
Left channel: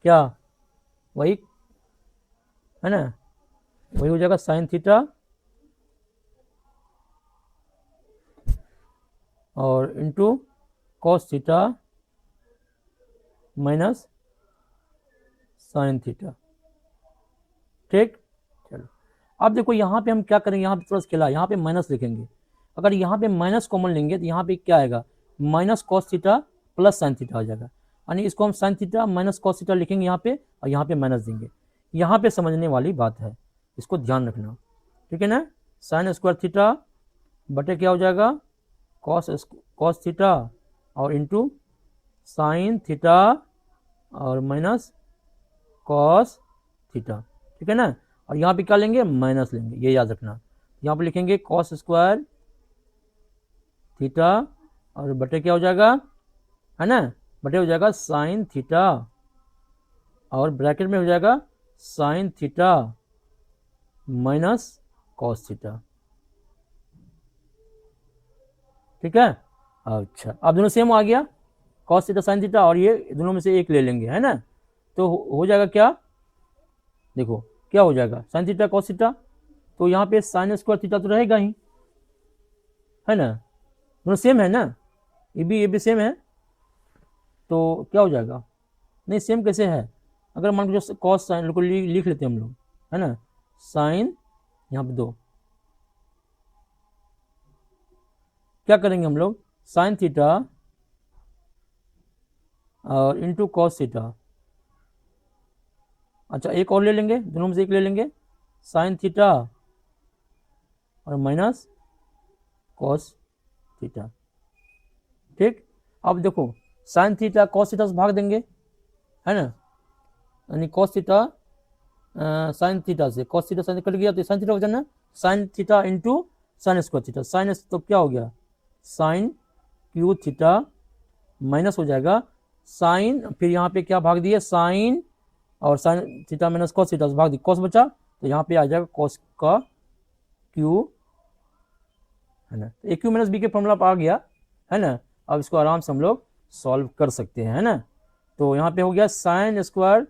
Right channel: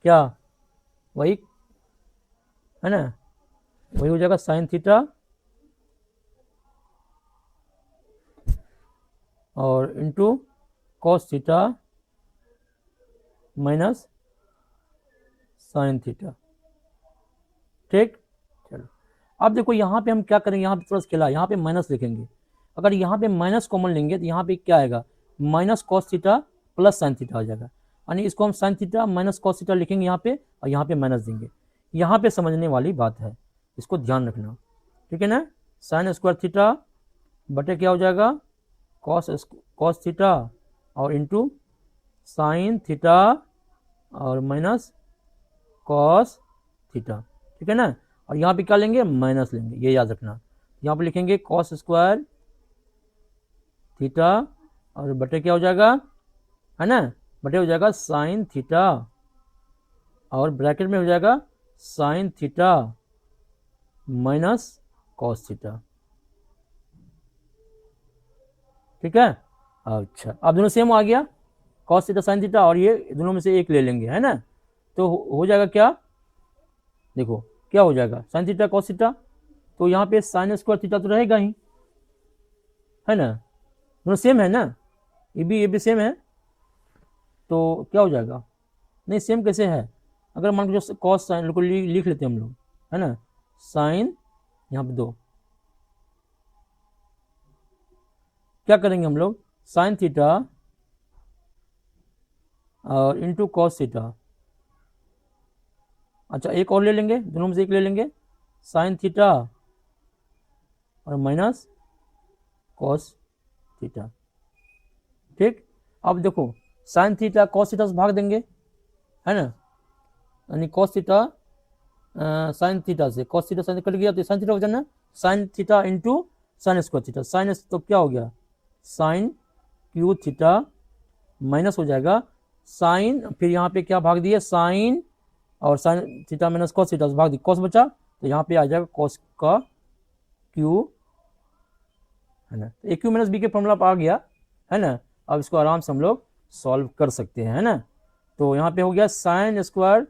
क्या, वही है ना, वही हो जाएगा साइन थीटा और into cos theta minus sine theta, ठीक। चलो अब देखो यहाँ पे हम क्या करेंगे, यहाँ पे प्लस खेला, यहाँ पे माइनस लिखेंगे। अगर यहाँ पे माइनस कॉमन लेंगे तो यहाँ पे क्या आएगा, minus cos theta plus sine theta हो जाएगा, यानी इसको हम sine theta minus cos theta लिखेंगे यहाँ पे और यहाँ पे माइनस देंगे। यहाँ पे समझने वाली बात है, इसको ध्यान रखना, ठीक है ना। साइन स्क्वायर थीटा बटे क्या हो जाएगा, कॉस थीटा और इंटू साइन थीटा और माइनस कॉस थीटा, ठीक है ना। और यहाँ पे क्या लेंगे, माइनस लेंगे, ये याद रखना। यहाँ पे लिखेंगे कॉस स्क्वायर थीटा और बटे क्या हो जाएगा, है ना, बटे हो जाएगा साइन थीटा और ब्रैकेट में हो जाएगा sine theta minus cos theta, ठीक है। अच्छा अब दोनों सेम आ गया, कॉस थीटा साइन थीटा, और ये दोनों में से एक ले लेंगे, है ना। तो हो जाएगा क्या, देखो क्या हो जाएगा, साइन थीटा कॉस थीटा, तो यहाँ पे साइन स्क्वायर थीटा तो रहेगा ही, है ना, दोनों सेम है ना, ये भी सेम है, तो क्या हो जाएगा, नहीं सेम कैसे है, अगर मान लो कॉस साइन को लिख लेते हैं हम लोग, है ना, साइन यहाँ पे दो, क्या करेंगे हम लोग, साइन थीटा और इंटू कॉस थीटा, अच्छा एक और ले लेंगे, दोनों में से एक ले लेंगे, साइन थीटा और माइनस कॉस थीटा, ठीक। अब देखो साइन थीटा कॉस थीटा से भाग देंगे, है ना, यानी कॉस थीटा साइन थीटा से, कॉस थीटा साइन कट गया तो साइन थीटा हो जाना, sine theta into sine square theta, sine तो क्या हो गया, साइन क्यू थीटा माइनस हो जाएगा साइन, फिर यहाँ पे क्या भाग दिया, साइन और sine theta minus cos theta से भाग दी, कॉस बचा तो यहाँ पे आ जाएगा कॉस का क्यू, है ना, ए क्यू माइनस बी का फॉर्मूला आ गया, है ना। अब इसको आराम से हम लोग सॉल्व कर सकते हैं, है ना। तो यहाँ पे हो गया sine square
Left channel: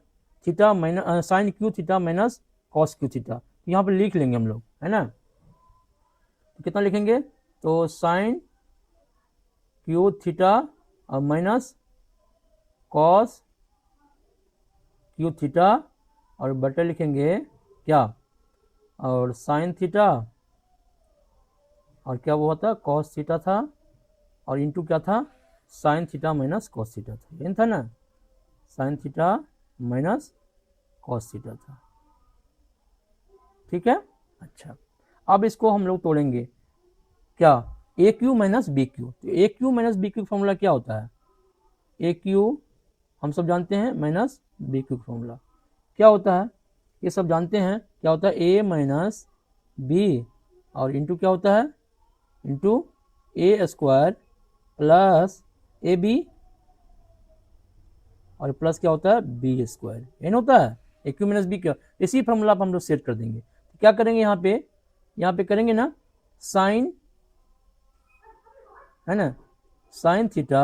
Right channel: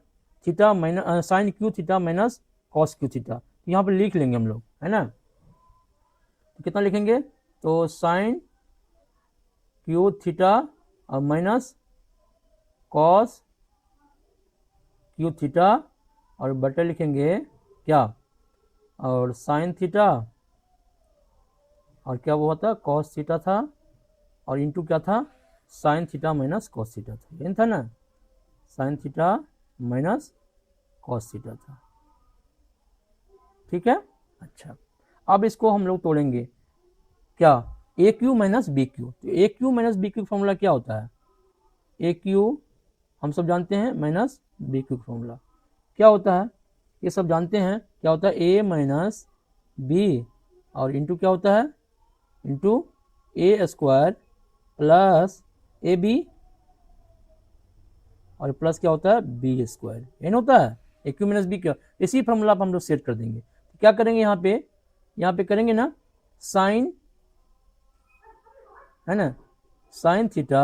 theta minus sine cube theta minus cos cube theta, यहाँ पे लिख लेंगे हम लोग, है ना। तो कितना लिखेंगे, तो साइन क्यू थीटा और माइनस कॉस क्यू थीटा और बटे लिखेंगे क्या, और साइन थीटा और क्या वो होता है कॉस थीटा था और इंटू क्या था, sine theta minus cos theta था, ये था ना, sine theta minus cos theta था, ठीक है। अच्छा अब इसको हम लोग तोड़ेंगे, क्या, A cube minus B cube, तो A cube minus B cube formula क्या होता है, ए क्यू हम सब जानते हैं माइनस बी क्यू फॉर्मूला क्या होता है, ये सब जानते हैं, क्या होता है ए माइनस बी और इंटू क्या होता है, into A square plus A B और प्लस क्या होता है बी स्क्वायर, ये होता है ए क्यू माइनस बी का, इसी फॉर्मूला पर हम लोग सेट कर देंगे। तो क्या करेंगे यहाँ पे करेंगे ना साइन, है ना, साइन थीटा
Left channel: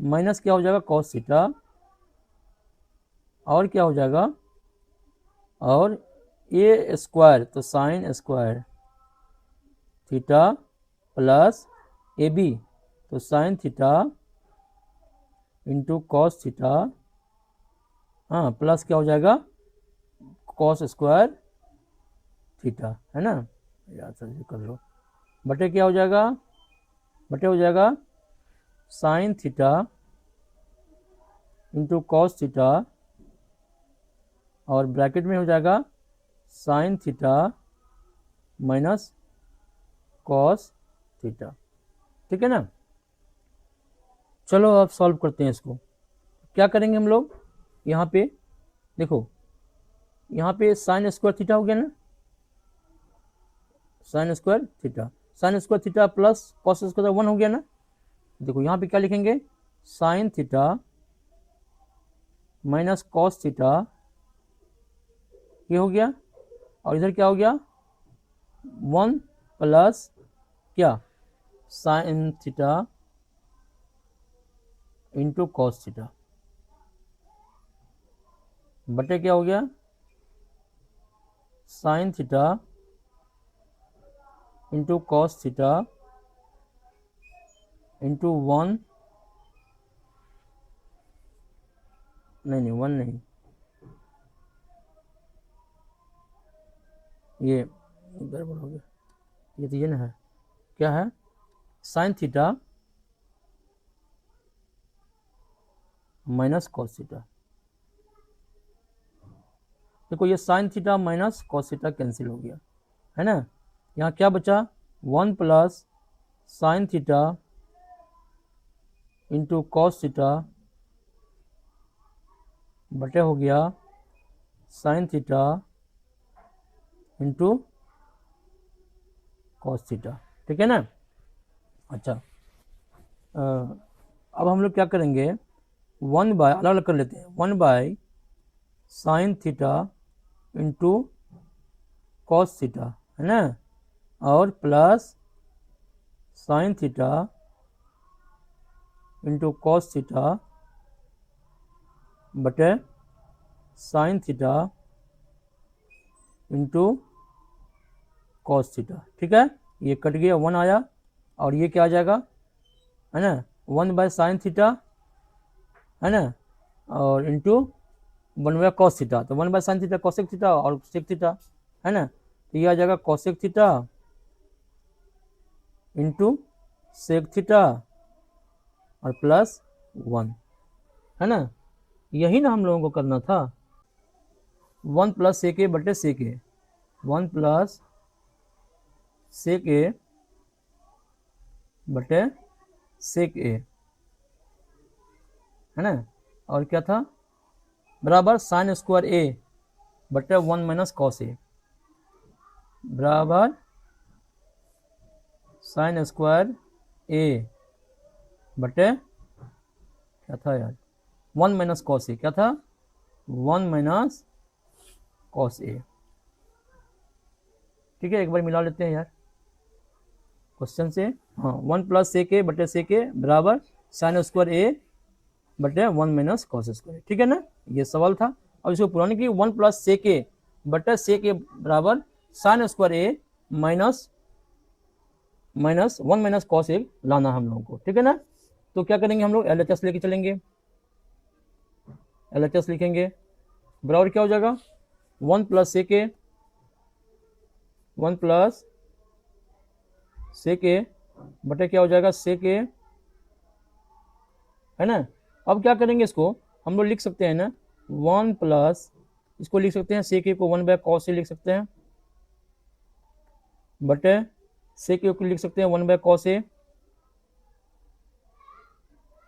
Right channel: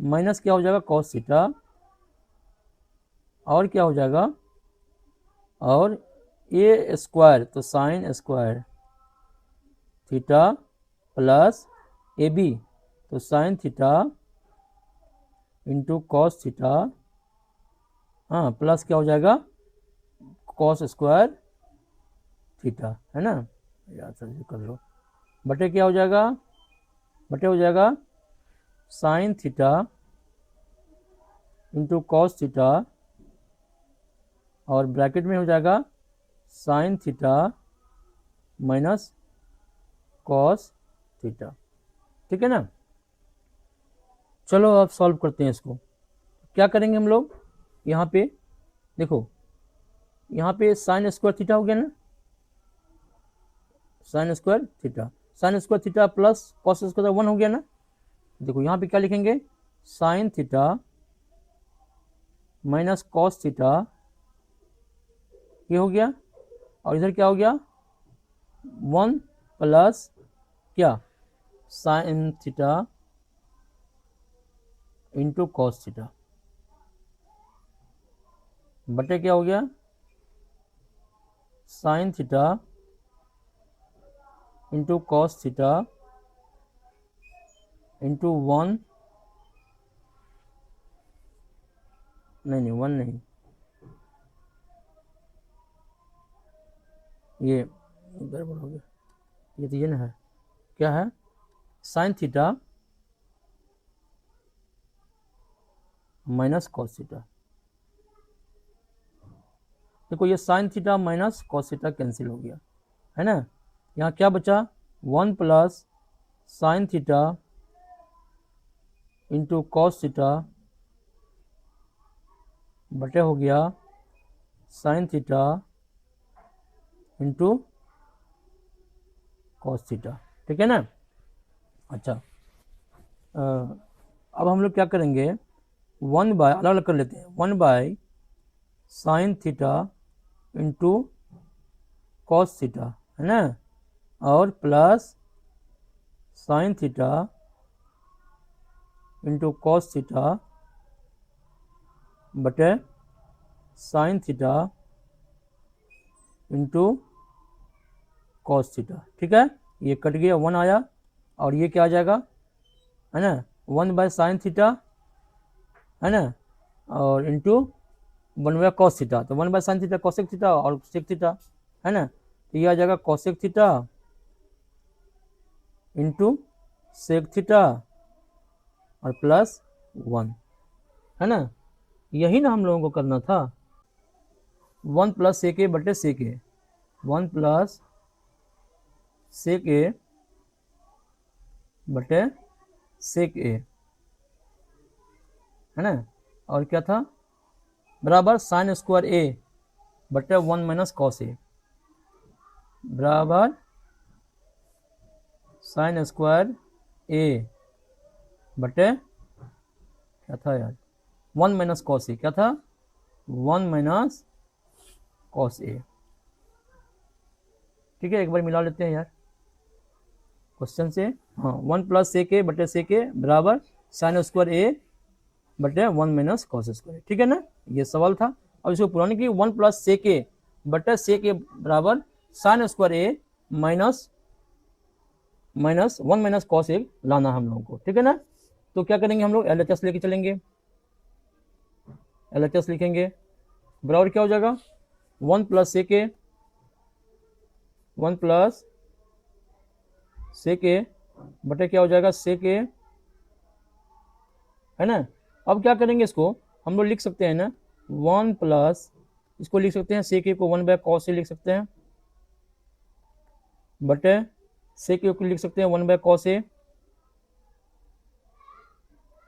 माइनस क्या हो जाएगा कॉस थीटा और क्या हो जाएगा, और ए स्क्वायर तो sine square theta plus A B तो sine theta into cos theta, हाँ प्लस क्या हो जाएगा कॉस स्क्वायर थीटा, है ना, याद से कर लो, बटे क्या हो जाएगा, बटे हो जाएगा sine theta into cos theta और ब्रैकेट में हो जाएगा sine theta minus cos theta. ठीक है ना। चलो अब सॉल्व करते हैं इसको। क्या करेंगे हम लोग, यहाँ पे देखो, यहाँ पे साइन स्क्वायर थीटा हो गया ना, sign square theta, sign square theta plus cos square 1 हो गया ना। देखो यहाँ पे क्या लिखेंगे, sine theta minus cos theta, ये हो गया, और इधर क्या हो गया, 1 प्लस क्या, sign theta into cos theta, बटे क्या हो गया, sign theta into cos theta into 1, नहीं 1 नहीं, ये इधर बोलोगे, ये तो ये ना है, क्या है, sine theta minus cos theta. देखो ये sine theta minus cos theta cancel हो गया, है ना। यहाँ क्या बचा, 1 plus sine theta into cos theta बटे हो गया sign theta into cos theta. ठीक है ना। अच्छा, अब हम लोग क्या करेंगे, 1 बाय, अलग अलग कर लेते हैं, 1 by sine theta into cos theta, है ना, और plus sine theta into cos theta बटे sine theta into cos theta. ठीक है, ये कट गया, 1 आया, और ये क्या आ जाएगा, है ना, 1 बाय साइन थीटा, है ना, और इंटू 1 बाय कॉस थीटा, तो 1 by sine theta cosec theta और सेक थीटा, है ना, तो ये आ जाएगा cosec theta into sec theta और प्लस 1, है ना। यही ना हम लोगों को करना था, 1 प्लस सेक ए बटे सेक ए, 1 प्लस सेक ए बटे सेक ए, है ना, और क्या था, बराबर साइन स्क्वायर ए बटे 1 माइनस कॉस ए, बराबर साइन स्क्वायर ए बटे क्या था यार, 1 माइनस कॉस ए, क्या था, 1 माइनस कॉस ए। ठीक है, एक बार मिला लेते हैं यार क्वेश्चन से। हाँ, 1 प्लस सेक ए बटे सेक ए बराबर साइन स्क्वायर ए बटे 1 माइनस कॉस स्क्वायर। ठीक है ना, ये सवाल था। अब इसको पुराने की 1 प्लस सेक ए बटे सेक ए बराबर sine square A minus 1 minus cos A लाना हम लोगों को। ठीक है ना, तो क्या करेंगे हम लोग, एलएचएस लेके चलेंगे, एलएचएस लिखेंगे, बराबर क्या हो जाएगा, 1 प्लस सेक ए, 1 प्लस सेक ए बटे क्या हो जाएगा सेक ए, है ना। अब क्या करेंगे, इसको हम लोग लिख सकते हैं ना, 1 प्लस, इसको लिख सकते हैं सेक ए को 1 बाय कॉस ए लिख सकते हैं, बटे सेक ए को लिख सकते हैं 1 by cos A,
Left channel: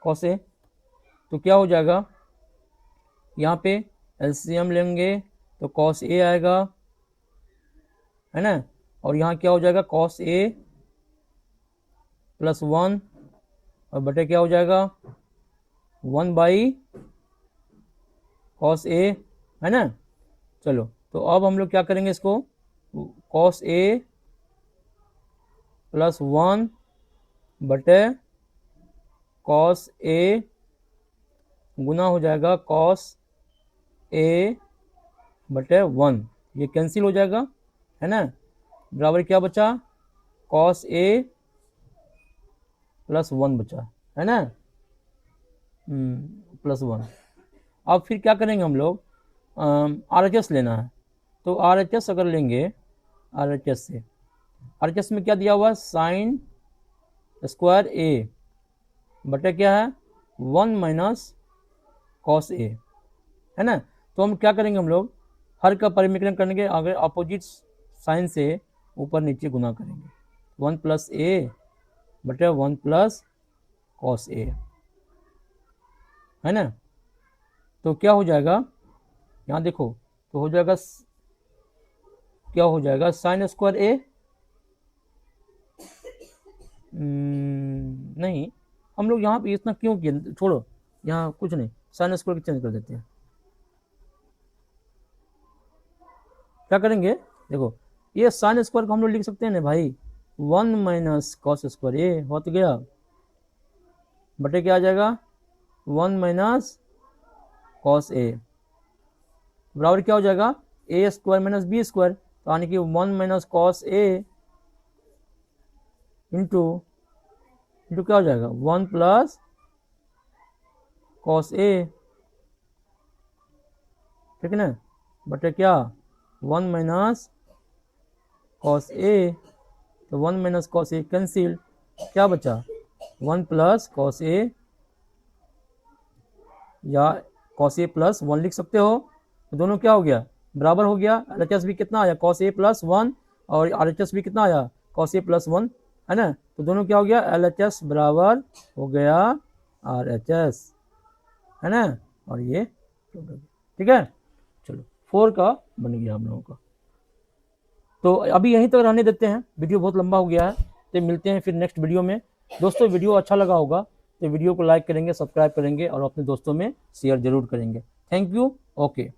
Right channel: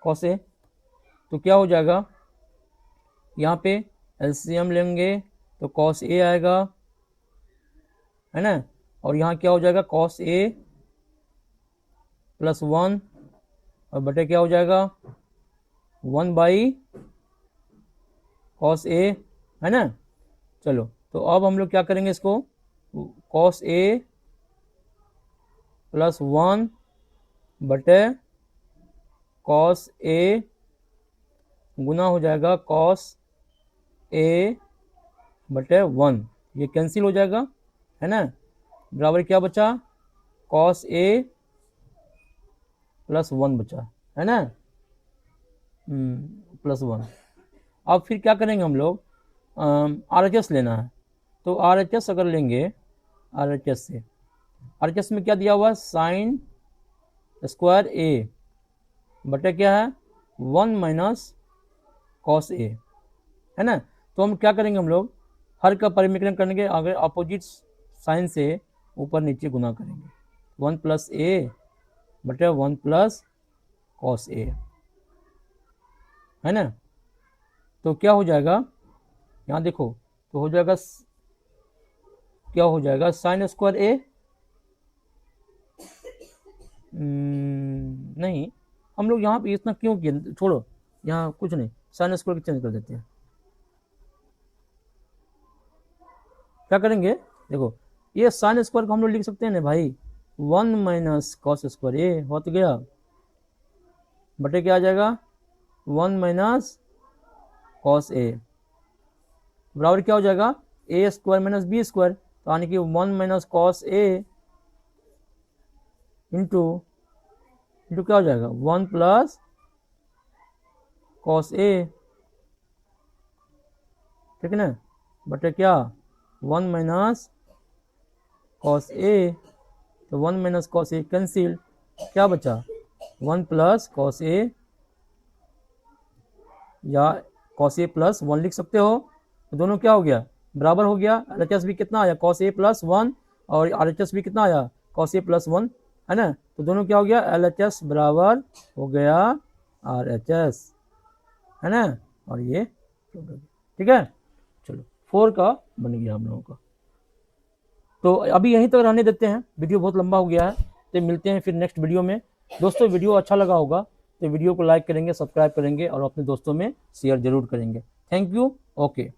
cos A, तो क्या हो जाएगा, यहाँ पे एलसीएम लेंगे तो कॉस ए आएगा, है ना, और यहाँ क्या हो जाएगा, कॉस ए प्लस 1 और बटे क्या हो जाएगा 1 बाई कॉस ए, है ना। चलो, तो अब हम लोग क्या करेंगे, इसको कॉस ए प्लस 1 बटे कॉस ए गुना हो जाएगा कॉस ए बटे 1, ये कैंसिल हो जाएगा, है ना, बराबर क्या बचा, कॉस ए प्लस 1 बचा, है ना, प्लस 1। अब फिर क्या करेंगे हम लोग, RHS लेना है, तो RHS अगर लेंगे, RHS से, RHS में क्या दिया हुआ, साइन स्क्वायर ए बटे क्या है 1 माइनस कॉस ए, है ना। तो हम क्या करेंगे, हम लोग हर का परिमेकरण करने के, अगर अपोजिट साइन से ऊपर नीचे गुना करेंगे, 1 प्लस ए बटे 1 प्लस कॉस ए, है ना। तो क्या हो जाएगा, यहाँ देखो, तो हो जाएगा, क्या हो जाएगा, साइन स्क्वायर ए, नहीं, हम लोग यहाँ पे इतना क्यों किए, छोड़ो, यहाँ कुछ नहीं, साइन स्क्वायर की चेंज कर देते हैं। क्या करेंगे, देखो, ये साइन स्क्वायर को हम लोग लिख सकते हैं ना भाई, 1 माइनस कॉस स्क्वायर ए हो तो गया, बटे क्या आ जाएगा, 1 माइनस कॉस ए बराबर क्या हो जाएगा, ए स्क्वायर माइनस बी स्क्वायर, तो यानी कि 1 माइनस कॉस ए इंटू क्या हो जाएगा, 1 प्लस कॉस ए, ठीक है ना, बटे क्या, 1 माइनस कॉस ए, तो 1 माइनस कॉस ए कैंसिल, क्या बचा, 1 प्लस कॉस ए, या कॉस ए प्लस 1 लिख सकते हो, तो दोनों क्या हो गया, बराबर हो गया, RHS भी कितना आया, कॉस ए प्लस 1, और RHS भी कितना आया, कॉस ए प्लस 1, है ना, तो दोनों क्या हो गया, LHS बराबर हो गया RHS, है ना, और ये ठीक है। चलो 4 का बन गया हम लोगों का। तो अभी यहीं तक रहने देते हैं, वीडियो बहुत लंबा हो गया है, तो मिलते हैं फिर नेक्स्ट वीडियो में। दोस्तों वीडियो अच्छा लगा होगा तो वीडियो को लाइक करेंगे, सब्सक्राइब करेंगे और अपने दोस्तों में शेयर जरूर करेंगे। Thank you, okay.